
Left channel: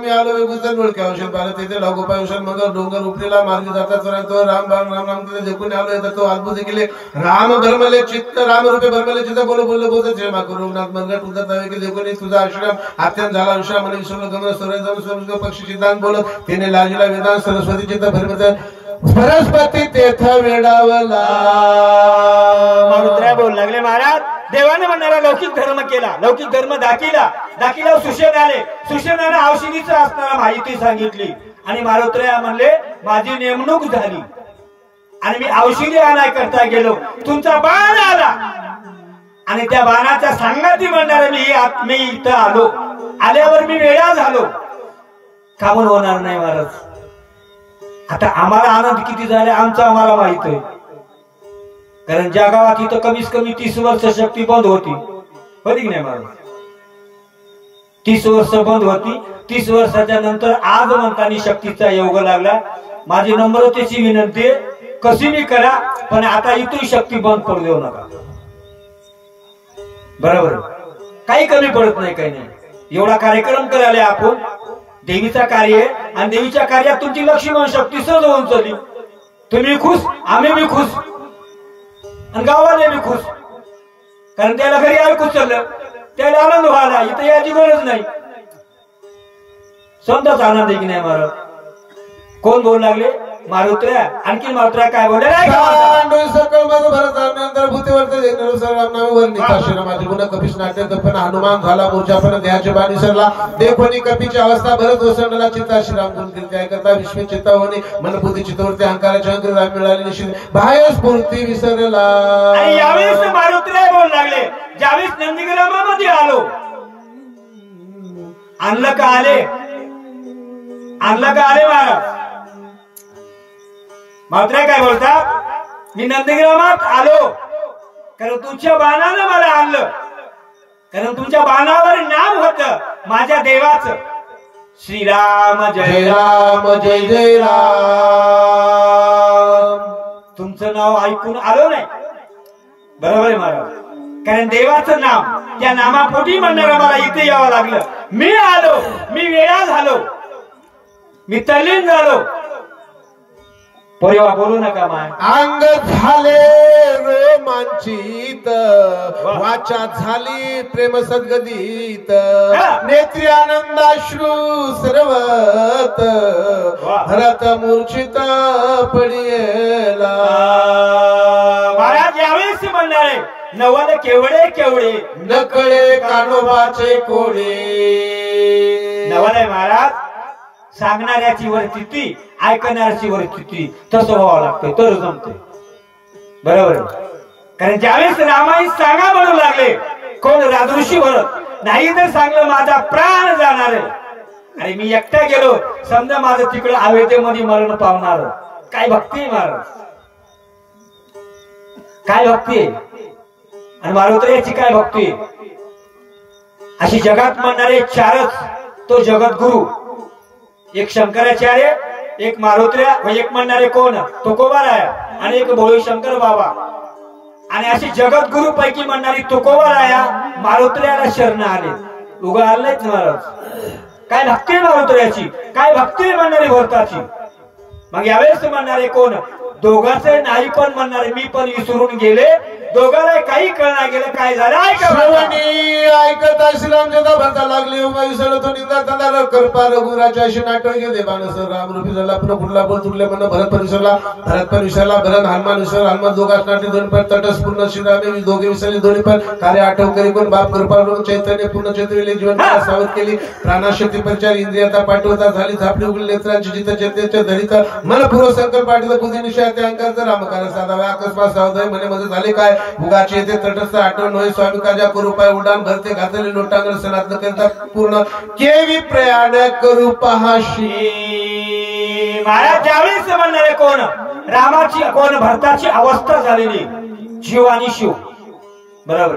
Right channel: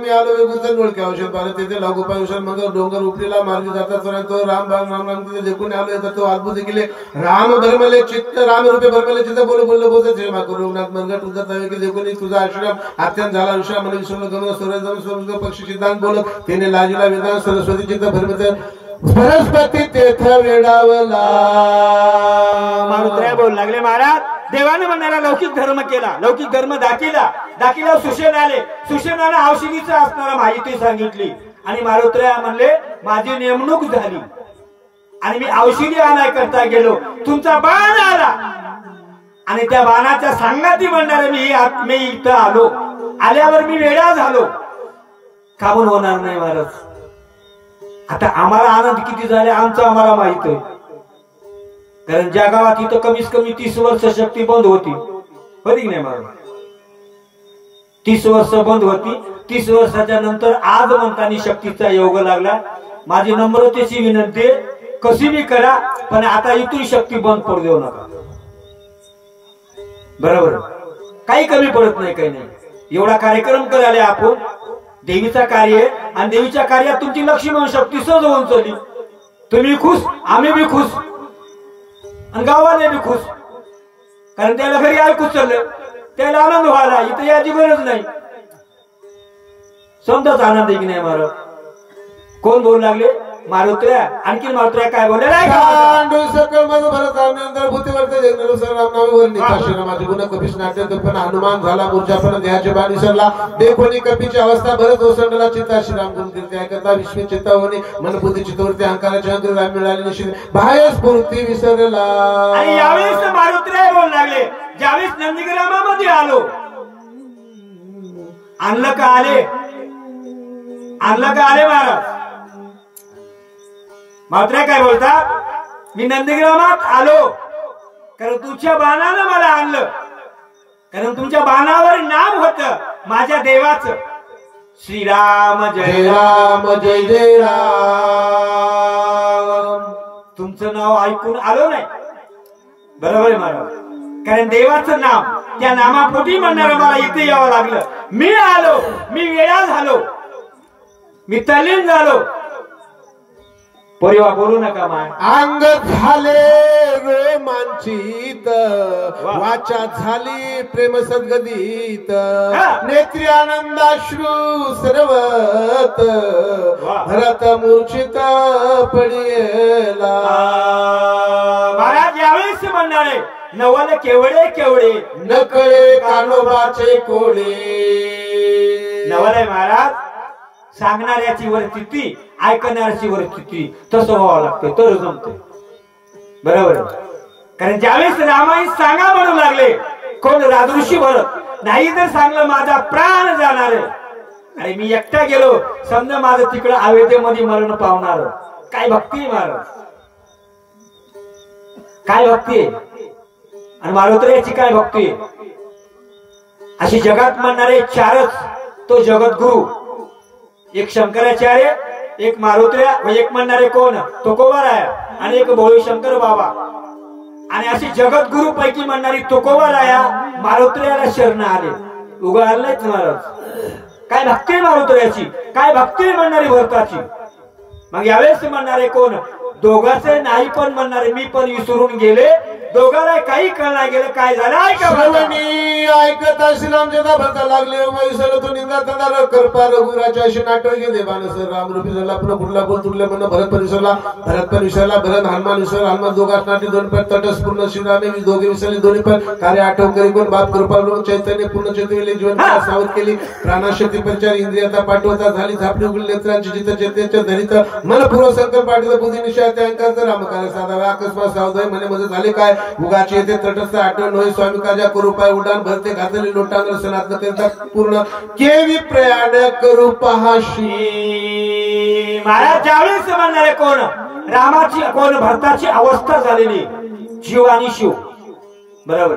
मी आलो गुजर ओळखे औषध भारत तिथे लागोपाय औषध मग डोंगर उपलेला मार्गी जातात तो राम राम राम राम तिथे देखून आलो येतात तो अद्भुत केले राम भरमले चित्त राम रूपे भरमले चित्त बोल बोल बोलत क्षमा करू रघुनाथ मनगट उद्धत हवे की देखून तुझा आश्रम अत्यंत झाला विश्राम मला विसरून गमन सूर्य पक्षी चित्तांत बोलत तिने लाजीला वेदांत सरस्वती चित्त भरमत सरस्वती तेथ वेडावला. मारुत्र्या बोलू लागले महाराज. देवाने म्हणणारा लौकिक धर्म केला, लौकिक धर्म दाखिला सुशेन आले. सुशेनाला औषधीचं असणारा माहिती सांगितली आणि मारुत्र्या म्हणले माझी नेमणूक झाली आणि मी औषधी आणाय करता गेलो. तुमचा बाण आला आणि त्या बाणाच्या सांगाती म्हणणारे मी इथं आलो. आल्यावर मी वेडा झालो. कामून होणार नाही महाराज. आता आम्हाला आनंद किती झाले आमचं आम्हाला माहित आहे. कारण ज्या गावात इथं कमीत कमी 30 वर्ष शक्ती बंद होती की नाही महाराज. 30 वर्ष बंद होती. 30 वर्षाच्या नंतर आज म्हणतानी शक्तीचा योग लागला. माझी नम्रतेची विनंती कशी मी करा पण आता इथून शक्ती बंद पडू देऊ नका. बरोबर काही कमी पडत नाही काही नाही. एवढा कार्यक्रम करायला आपण देवीचा कार्य आणि देवीच्या कार्यात तुमची लक्ष्मण शक्ती सहज होऊन चालली. तुम्ही खुश आम्ही बी खुश आणि गावाने बी खुश. कारण त्याला घरी ऐकूच चाललं त्याला आनंद व्हायला इथं याची गरज नाही. समजाच आनंद आहे की नाही महाराज. कोण बोलू लागले मारुत्र्या. आणखी मारुत्र्या काय बोलले हनुमान झाला मूर्छापण देहाचे बाण विसरला. देखोनी कपीची अवस्था भरत ओसंडला चित्ता श्रीराम गुण कीर्ती ऐकता विश्व चित्तावनी मन बुद्धी चित्तवृत्ती अहंकाराच्या अंतर राम मिळाली निश्चित बाह्य स्फूर्ती विसरला. आणि यावेळेस मारुत्र्या बोलू लागले. ज्यावेळेस नंदीग्रामामध्ये आलो आणलं का आले महाराज. मारुत्र्या काय बोलतात मी नंदीग्रामात आलो कारण तुमच्या बाणानं मला आणलं. कारण तुमच्या बाणावर नाम होतं माझ्या देवाचं श्रीराम जय राम जय जय राम. तुमचं नाव ऐकून आलो नाही. बरोबर आहे महाराज. कारण देवाचं नाम त्या नामापोटी म्हणणार मला इथे यावं लागलं. मी आलो मी वेळा झालो मी तल्लीन झालो. परिवा बोलू नका मा. अंग झाले रोमांचित वाचा झाली प्रेम सद्गदित नेत्री आनंदाश्रू सर्वत भरत मूर्छित पडिला. महाराज यावेळेस म्हणणारे नवल केवढे नकळे कानोबाचे कोडे. नवल आहे महाराज. सांगणाऱ्याची वरती ऐकणाऱ्याची वरती तसं व्हावं लागतं तर जमते. बरोबर. कारण ज्यावेळेस रामायण सांगा म्हणू लागले कोण राजऋषी भरत नाही तर सांगलं माझा प्राण जाणार. अरे मी एकटा गेलो समजा माझं तिकडे अवेदेमध्ये मरण पावणार. काय भक्ती महाराज, काय भक्ती आणि मारुतीची काय भक्ती. अशी जगात म्हणणारे चारच तो जगद्गुरु, एक शंकराचार्य, एक मारुत्र्या व एक म्हणणारे कोण तुकोबाराया आणि एक भोळी शंकर बाबा. आणि अशी जगद्गुरु पैकी म्हणणारी तुकोबाराया मारुत्र्याला शरण आले. उगा आलेच महाराज. काय भक्ती मारुत्र्याची, काय भक्ती म्हणणारी भरताची. मग यावेळेस म्हणणारे कोण दोघांचे नाही पण म्हणणारे मी पण विसरून गेले. दोघांना काही कळणार गेलं काय झालं. ऐकत श्रीरामचंद्र भरता लागले तो निघाला करपा रघुराच्या अशी नाटक घेते बाणसर राम रूपी झाला पुन्हा कुठला बोल तुटल्या म्हणून भरत पण विसरला भरत हनुमान विसरला. हनुमान दोघांच नाटे दोन पण तटस्पूर्ण श्रीरामे दोघे विसरले दोन्ही पण कार्य आठव करी पण बाप कृपा चैतन्य पूर्ण चैतन्य जीवन सावध केली. प्राणाशक्ती परिचार इंद्रियाता पाठवता झाली झापडी उघडली नेत्रांची जिथ चेतेच्या धरित मन पूर्व संकल्प पाठवता बुद्धी निश्चय अंकाचा रामकारण साधावा अकस्मात सावधाय म्हणे मध्ये झाले काय उगाची येते तटस्थ आठवण होय स्वामी काजा करू पाय उडान भरते घातले लोटांगर सनातन करता पूर्ण केवी प्रयाण करू पहाशी. महाराज ज्यावेळेस म्हणणारे कोण रामाची कोण भरताची अवस्था झालेली जीव आणि शिव बरोबर.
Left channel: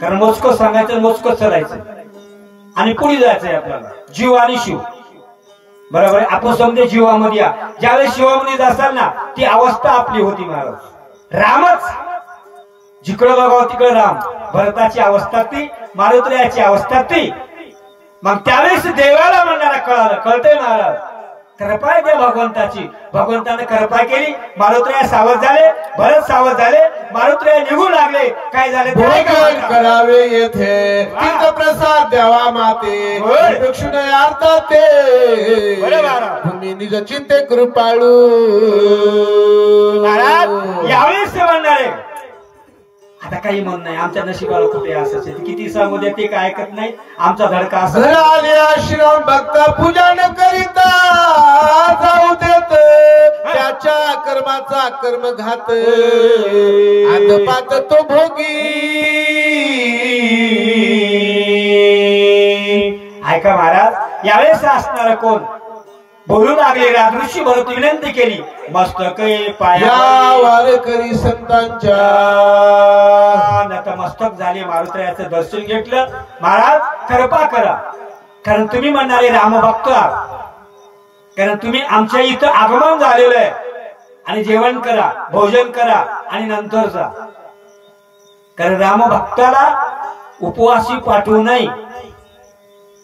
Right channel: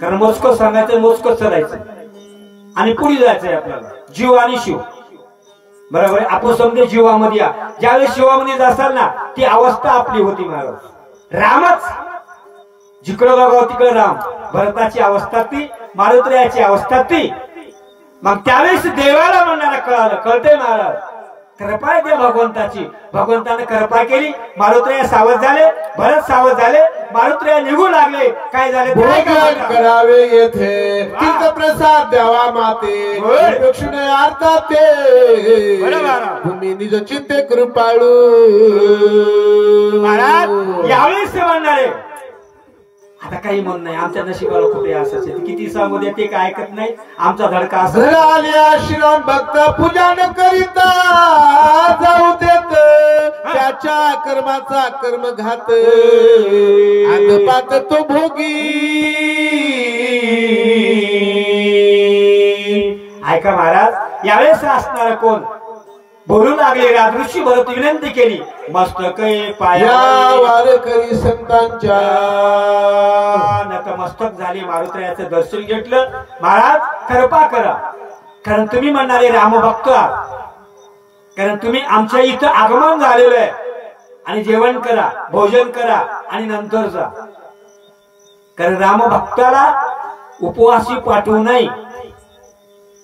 कारण मोजकं सांगायचं मोजकं चलायचं आणि पुढे जायचंय आपल्याला. जीव आणि शिव बरोबर. आपण समजे जीवामध्ये या ज्यावेळेस शिवामध्ये जासाल ना ती अवस्था आपली होती महाराज. रामच जिकडं बघावं तिकडं राम. भरताची अवस्था ती, मारुत्र्याची अवस्था ती. मग त्यावेळेस देवाला म्हणणारा कळालं. कळतंय महाराज कृपा आहे भगवंताची. भगवंताने कृपा केली. मारुत्र्या सावध झाले, भरत सावध झाले, मारुत्र्या निघू लागले. काय झाले करावे येथे तीर्थ प्रसाद द्यावा माते दक्षिणार्था ते तुम्ही निज चिंते कृपाळू. महाराज यावेळेस म्हणणारे आता काही म्हण नाही आमच्या नशिबाला कुठे असायचे किती सांगू दे ते काय ऐकत नाही. आमचा धडका असा श्रीराम भक्त पूजा न करिता जाऊ देत त्याच्या कर्माचा कर्मघात आदपात तो भोगी. ऐका महाराज यावेळेस असणार कोण बोलू लागले. राजऋषी भरत विनंती केली मस्तक पायावर करी संतांच्या नतमस्तक झाले. मारुत्र्याचं दर्शन घेतलं. महाराज कृपा करा कारण तुम्ही म्हणणारे रामभक्त आहात. कारण तुम्ही आमच्या इथं आगमन झालेलं आहे आणि जेवण करा भोजन करा आणि नंतर जा. कारण रामभक्ताला उपवासी पाठवू नये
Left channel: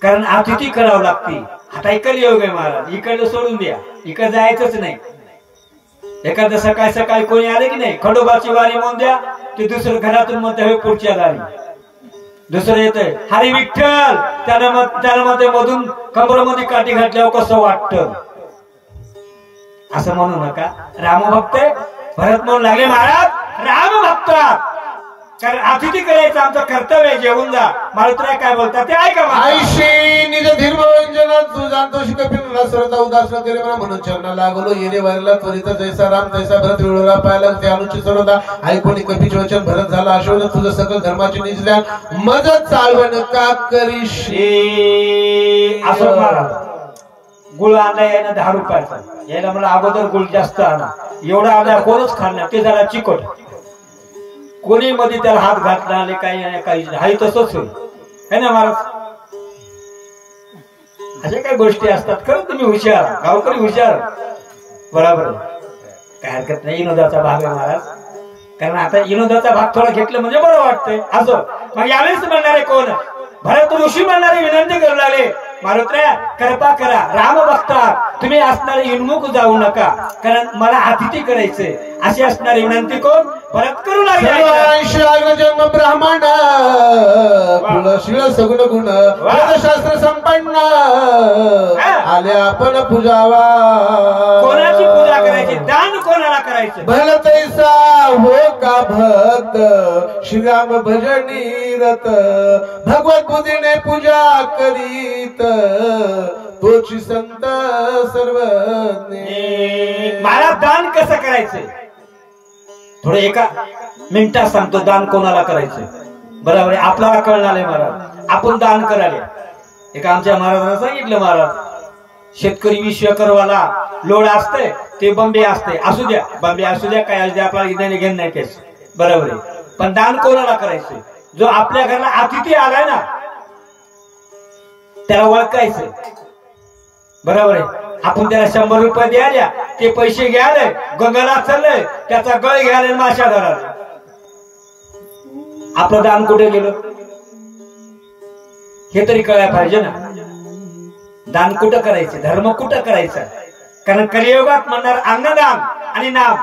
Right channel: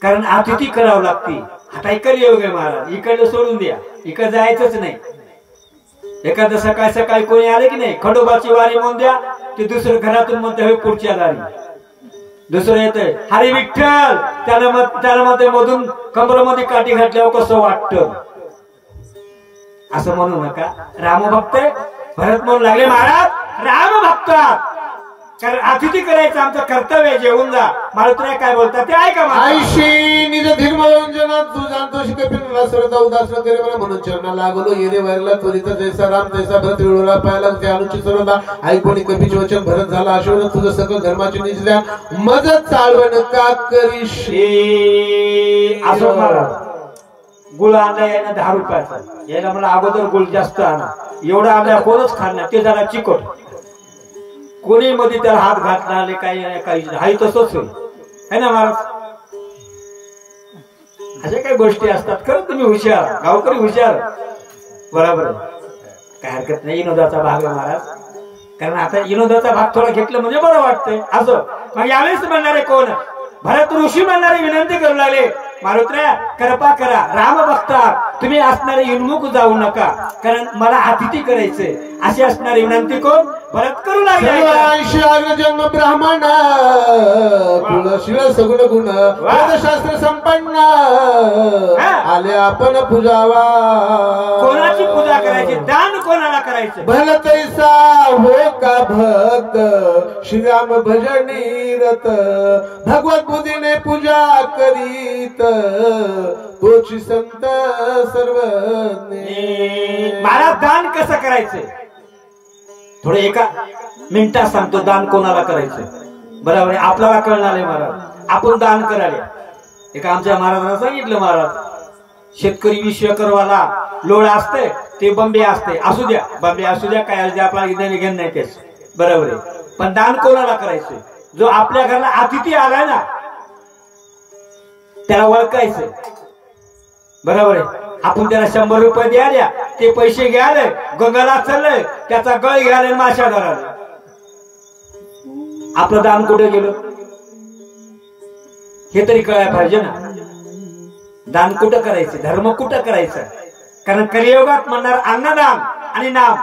कारण अतिथी करावं लागते. आता इकडे योग आहे महाराज. इकडे सोडून द्या. इकडे जायचंच नाही. एखादं सकाळी सकाळी कोणी आले की नाही खंडोबाची वारी म्हणून द्या ते दुसरं घरातून म्हणते पुढच्या दारी. दुसरं येतंय हरी विठ्ठल त्याला मध्ये मधून कमरामध्ये काठी घातल्यावर कसं वाटतं असं म्हणू नका. रामभक्त भरत म्हणू लागले महाराज रामभक्त कारण अतिथी करायचं आमचं कर्तव्य. जेवून जा. मारुत्र्या काय बोलतात ते ऐका. आईशी निज धीर्मंजन तू जाणतो शिकपिला श्रद्धा उदास करे मला म्हणून चरणा लागलो येणे वारला त्वरित जैसा राम तैसा भरत वेळोला पाहिला ते अनुचित सर्वदा ऐकून कपीचे वचन भरत झाला. आशोध तुझं सकल धर्माची निजल्या मज चालवण का करीशी. असं महाराज गुळ आणला यानं 10 रुपयाचा यायला मला अगोदर गुळ जास्त आणा. एवढा आणला कोणच खाणार ते जरा चिकट. कोणी मध्ये त्याला हात घातला आले काही हाही तसंच है ना महाराज. अशा काही गोष्टी असतात. खरं तुम्ही हुशार गावकरी हुशार बरोबर काय हरकत नाही. विनोदाचा भाग आहे महाराज. कारण आता विनोदाचा भाग थोडा घेतला म्हणजे बरं वाटतंय असं. मग यावेळेस म्हणणारे कोण भरत ऋषी म्हणणारे विनंती करू लागले मारुत्र्या कृपा करा रामभक्त तुम्ही असणारे युन्मुख जाऊ नका कारण मला अतिथी करायचे. अशी असणारी विनंती कोण भरत करू लागले. जन्म ब्राह्मण कुलशील सगुण गुण वेदशास्त्र संपन्न आले आपण पूजावा. कोणाची पूजा करायची दान कोणाला करायचं भल तैसा हो का भक्त श्रीराम भजनी रत भगवत बुद्धीने पूजा करीत तोची संत सर्वज्ञ. मला दान कसं करायचंय थोडं एका मिनिटात सांगतो. दान कोणाला करायचंय बरोबर आपल्याला कळणार आहे महाराज. आपण दान करायला. एका आमच्या महाराजांना सांगितलं, महाराज शेतकरी 20 एकरवाला लोड असते, ते बंबे असते, असू द्या बंबे असू द्या, काय असू द्या, आपल्याला इथे घेणं नाही तेच बरोबर आहे. पण दान कोणाला करायचं? जो आपल्या घराला अतिथी आलाय ना त्याला ओळखायचं बरोबर आहे. आपण त्याला 100 रुपये द्यायला, ते पैसे घ्यायला गंगाला चाललंय, त्याचा गळ घ्यायला माशा धरायला. आपलं दान कुठे गेलं हे तरी कळायला पाहिजे ना. दान कुठं करायचं, धर्म कुठं करायचा? कारण कलियुगात म्हणणार अन्नदान आणि नाम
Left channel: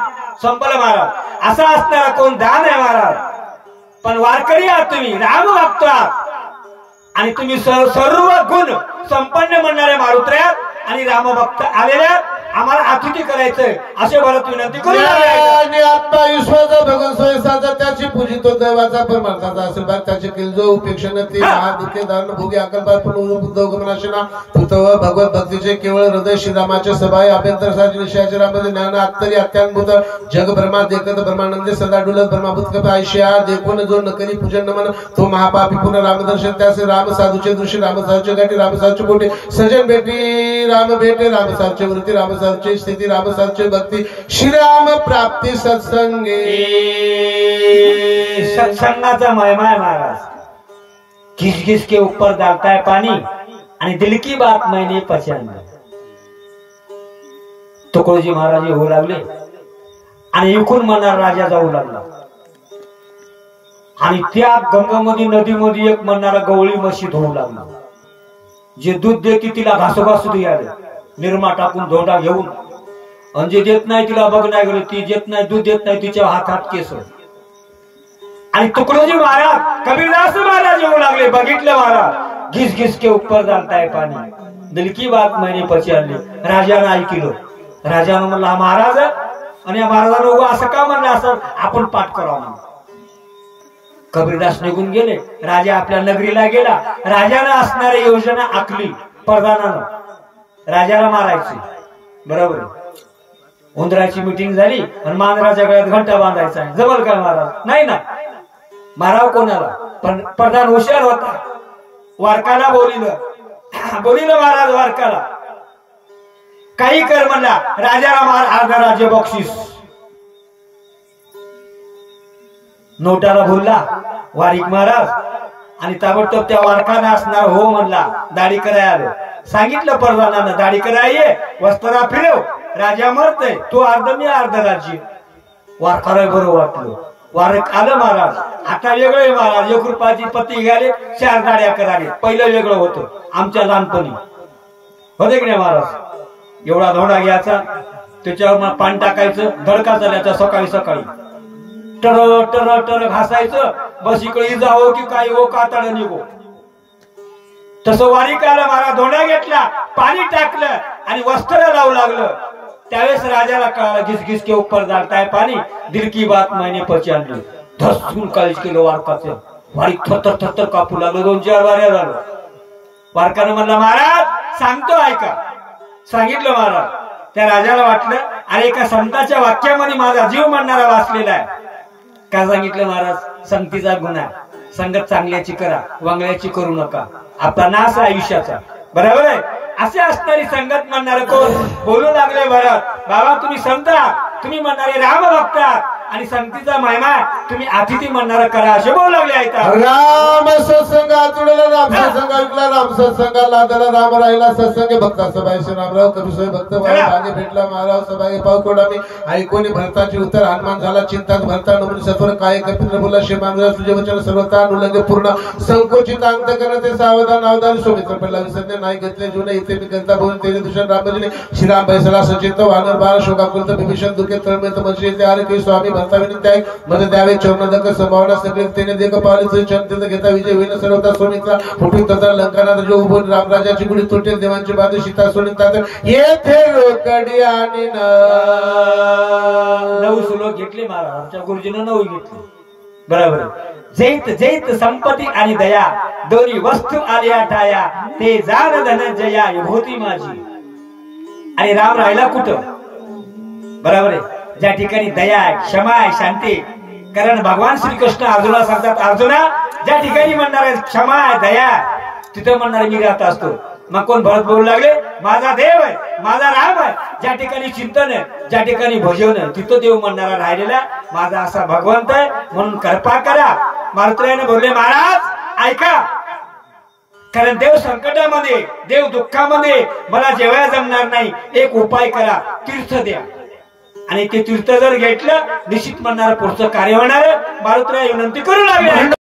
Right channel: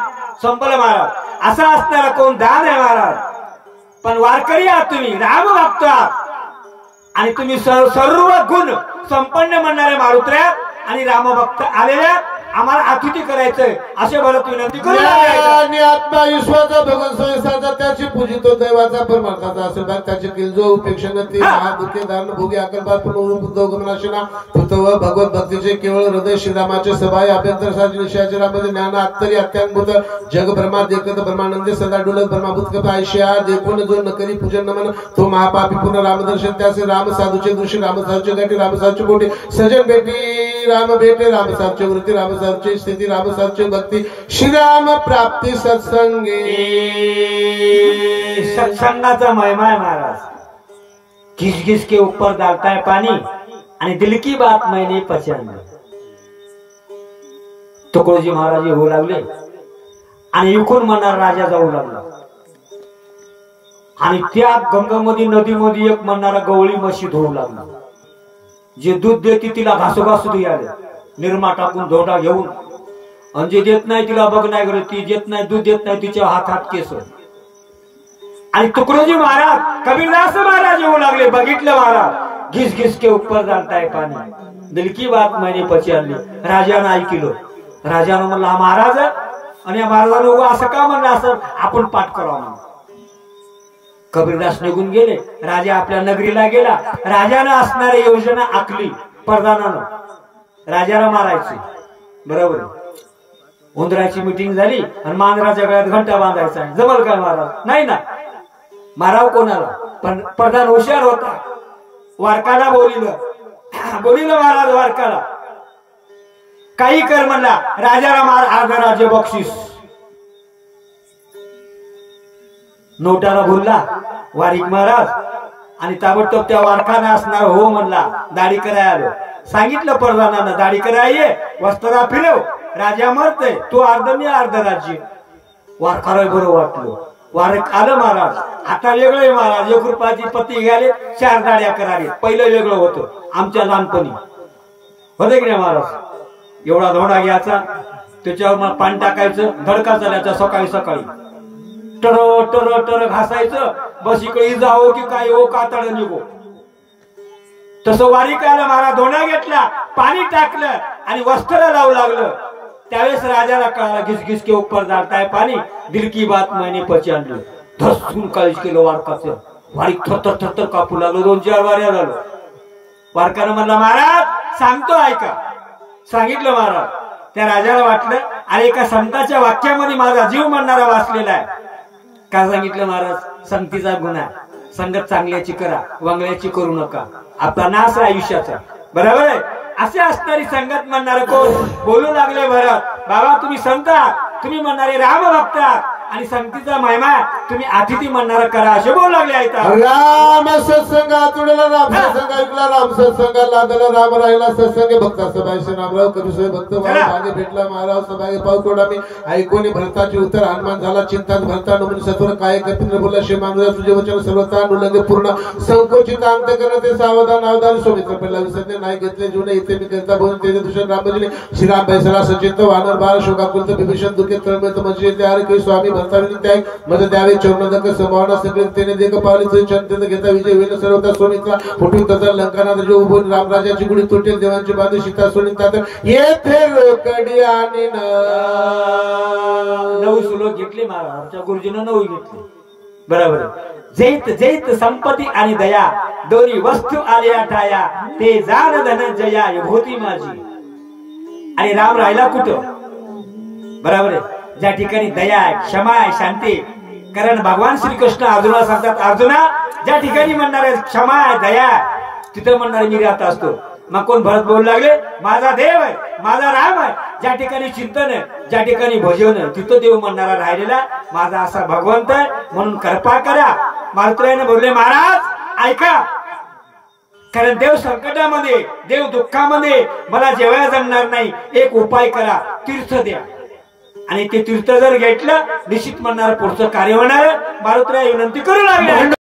संपलं महाराज. असा असणारा कोण दान आहे महाराज. पण वारकरी आहात तुम्ही, राम भक्त आहात आणि तुम्ही सर्व गुण संपन्न म्हणणारे मारुत्र्या आणि रामभक्त आलेल्या आम्हाला अतिथी करायचंय असे भरत विनंती करू. आत्मा विश्वाचा भगवान स्वयंसाचा त्याची पूजितो दैवाचा परमार्थाचा असेल भाग त्याचे केल जो उपेक्षण ते महादुखे दान भोगी अकल्पात पुनरुद्योगमनाशना तत्व भगवत भक्तीचे केवळ हृदय श्रीरामाचे सभाय अभ्यंतर साजी निशाचे रामदे ज्ञान अत्तरी अत्यांभूत जग ब्रह्मा देखत ब्रह्मानंदे सदा डुलत ब्रह्माभूत कथा आयशा देखून जो नकरी पूजन नमन तो महापापी पुन्हा रामदर्शन त्याचे राम साधूचे दृश्य राम साधूचे गाठी राम साधूचे कोटी सजन भेटी राम भेटे राम साधूचे वृत्ती राम साधूचे स्थिती राम साधूचे भक्ती श्रीराम प्राप्ती सत्संगी. सत्संगाचा महिमा आहे महाराज. घिस घिस के ऊपर डालता है पानी आणि दिल की बात मैंने पहचान. तुकडोजी महाराज होऊ लागले आणि इकडून म्हणणार राजा जाऊ लागला आणि त्या गंगामध्ये नदीमध्ये एक म्हणणारा गवळी म्हशी धुवू लागला. जे दूध देते तिला घासोघासू द्यायला निरमा टाकून धोंडा घेऊन, आणि जे देत नाही तिला बघ नाही गेले, ती देत नाही दूध देत नाही तिच्या हातात केस. आणि तुकडोजी महाराज कबीरदास महाराज येऊ लागले. बघितलं महाराज घिस घिस के ऊपर डालताय पाणी दिल की बात मैंने पहचानली. राजानं ऐकलं. राजानं म्हणला हा महाराज आणि महाराजानं उभं असं का म्हणलं, असं आपण पाठ करावं. कबीरदास निघून गेले. राजा आपल्या नगरीला गेला. राजानं असणारी योजना आखली. प्रधानानं राजाला मारायची बरोबर. उंदराची मिटिंग झाली आणि मांजराच्या गळ्यात घंटा बांधायचा. जमल काय महाराज? नाही ना. माराव कोणाला? पण प्रधान हुशार होता. वारकाला बोलिलं महाराज वारकाला काही कर म्हणला. राजाला मार, अर्ध राज्य बक्षीस. नोटाला भुलला वारिक महाराज आणि ताबडतोब त्या वारकाने असणार हो म्हणला. दाढी करायला आलो. सांगितलं प्रधानानं दाढी करायला ये, वस्त्रा फिरव. राजा मरतय, तो अर्ध मी अर्ध राज्य. वारकाला बरं वाटलं. वारक आलं महाराज. आता वेगळं महाराज. 1 रुपयाची पत्ती घ्याले, 4 दाड्या कराले. पहिलं वेगळं होतं आमच्या लहानपणी होते की नाही महाराज. एवढा धोडा घ्यायचा, त्याच्यावर पाणी टाकायचं, धडका चालायचा सकाळी सकाळी. टर टर टर घासायचं. बस इकडे जावं की काय हो कातड निघो. तसं वारिकाला महाराज धोंडा घेतला, पाणी टाकलं आणि वस्त्र लावू लागलं. त्यावेळेस राजाला कळालं घिस घिस के ऊपर डालताय पाणी दिल की बात मैंने पहचानली. धसून काळीच केलं वारकाचं. वारीक थरथर थरथर कापू लागलो. 2-4 वाऱ्या झालं. वारकानं म्हणला महाराज सांगतो ऐका. सांगितलं महाराज. त्या राजाला वाटलं अरे एका संताच्या वाक्यामध्ये माझा जीव म्हणणारा वाचलेला आहे. का सांगितलं महाराज? संगतीचा गुन्हा. संगत चांगल्याची करा, वांगल्याची करू नका. आपला नाश आहे आयुष्याचा बरोबर आहे. असे असणारी संगत म्हणणारे कोण बोलू लागले भरत. बाबा तुम्ही संत आहात, तुम्ही म्हणणारे राम भक्त आहात आणि संगतीचा महिमा तुम्ही अतिथी म्हणणारा करा असे बोलू लागले आहेत. राम सत्संगा तुडला राम सत्संग ऐकला राम सत्संगा लादला राम राहिला सत्संग भक्ता सभाय रामराव करुसोय भक्त भागे भेटला महाराज सभागे पाव कोडा मी ऐकून भरताची उत्तर हनुमान झाला चिंतात भरता नमुनी सत्वर काय कपिंद्र बोला श्री मानव तुझे वचन सर्वता अनुलंघ पूर्ण संकोचित अंत करते सावधान अवधान सोमित्र पडला विसरणे नाही घेतले जीवन इथे मी करता बोलून तेजे भूषण रामभजने श्रीराम बैसला सचिंत वानर बाळ शोकाकुलत विभीषण दुखे तळमेत मंत्री ते आरे के स्वामी भक्ताविनी मद द्यावे चरणदक संभावना सगळतेने देख पावले चंद घेता विजय होईल सर्वता सोनित्रा फुटून तथा लंकानाथ जो उभून रामराजाची गुढी तुटेल देवांची बाजू सीता सोनितात येथे रोकडी आणि नऊ श्लोक घेतले महाराज. आमच्या गुरुजीनं 9 घेतले बरोबर. जैत जैत संपत्ती आणि दया दोन्ही वस्तू आल्या ठाया ते जाण धनंजया विभूती माझी. आणि राम राहिला कुठं बरोबर आहे? ज्या ठिकाणी दया आहे, क्षमा आहे, शांती कारण भगवान श्रीकृष्ण अर्जुनाला सांगतात, अर्जुना ज्या ठिकाणी म्हणणार आहे क्षमा दया, तिथं म्हणणारे मी राहत असतो. मग कोण भरत बोलू लागले, माझा देव आहे, माझा राम आहे. ज्या ठिकाणी चिंतन आहे, ज्या ठिकाणी भजन आहे, तिथं देव म्हणणारा राहिलेला माझा असा भगवंत आहे, म्हणून कृपा करा. मारुतीने बोलले, महाराज ऐका, कारण देव संकटामध्ये, देव दुःखामध्ये मला जेवायला जमणार नाही, एक उपाय करा, तीर्थ द्या. आणि ते तीर्थ जर घेतलं निश्चित म्हणणार पुढचं कार्य होणार. मारुतीला विनंती करू लागले.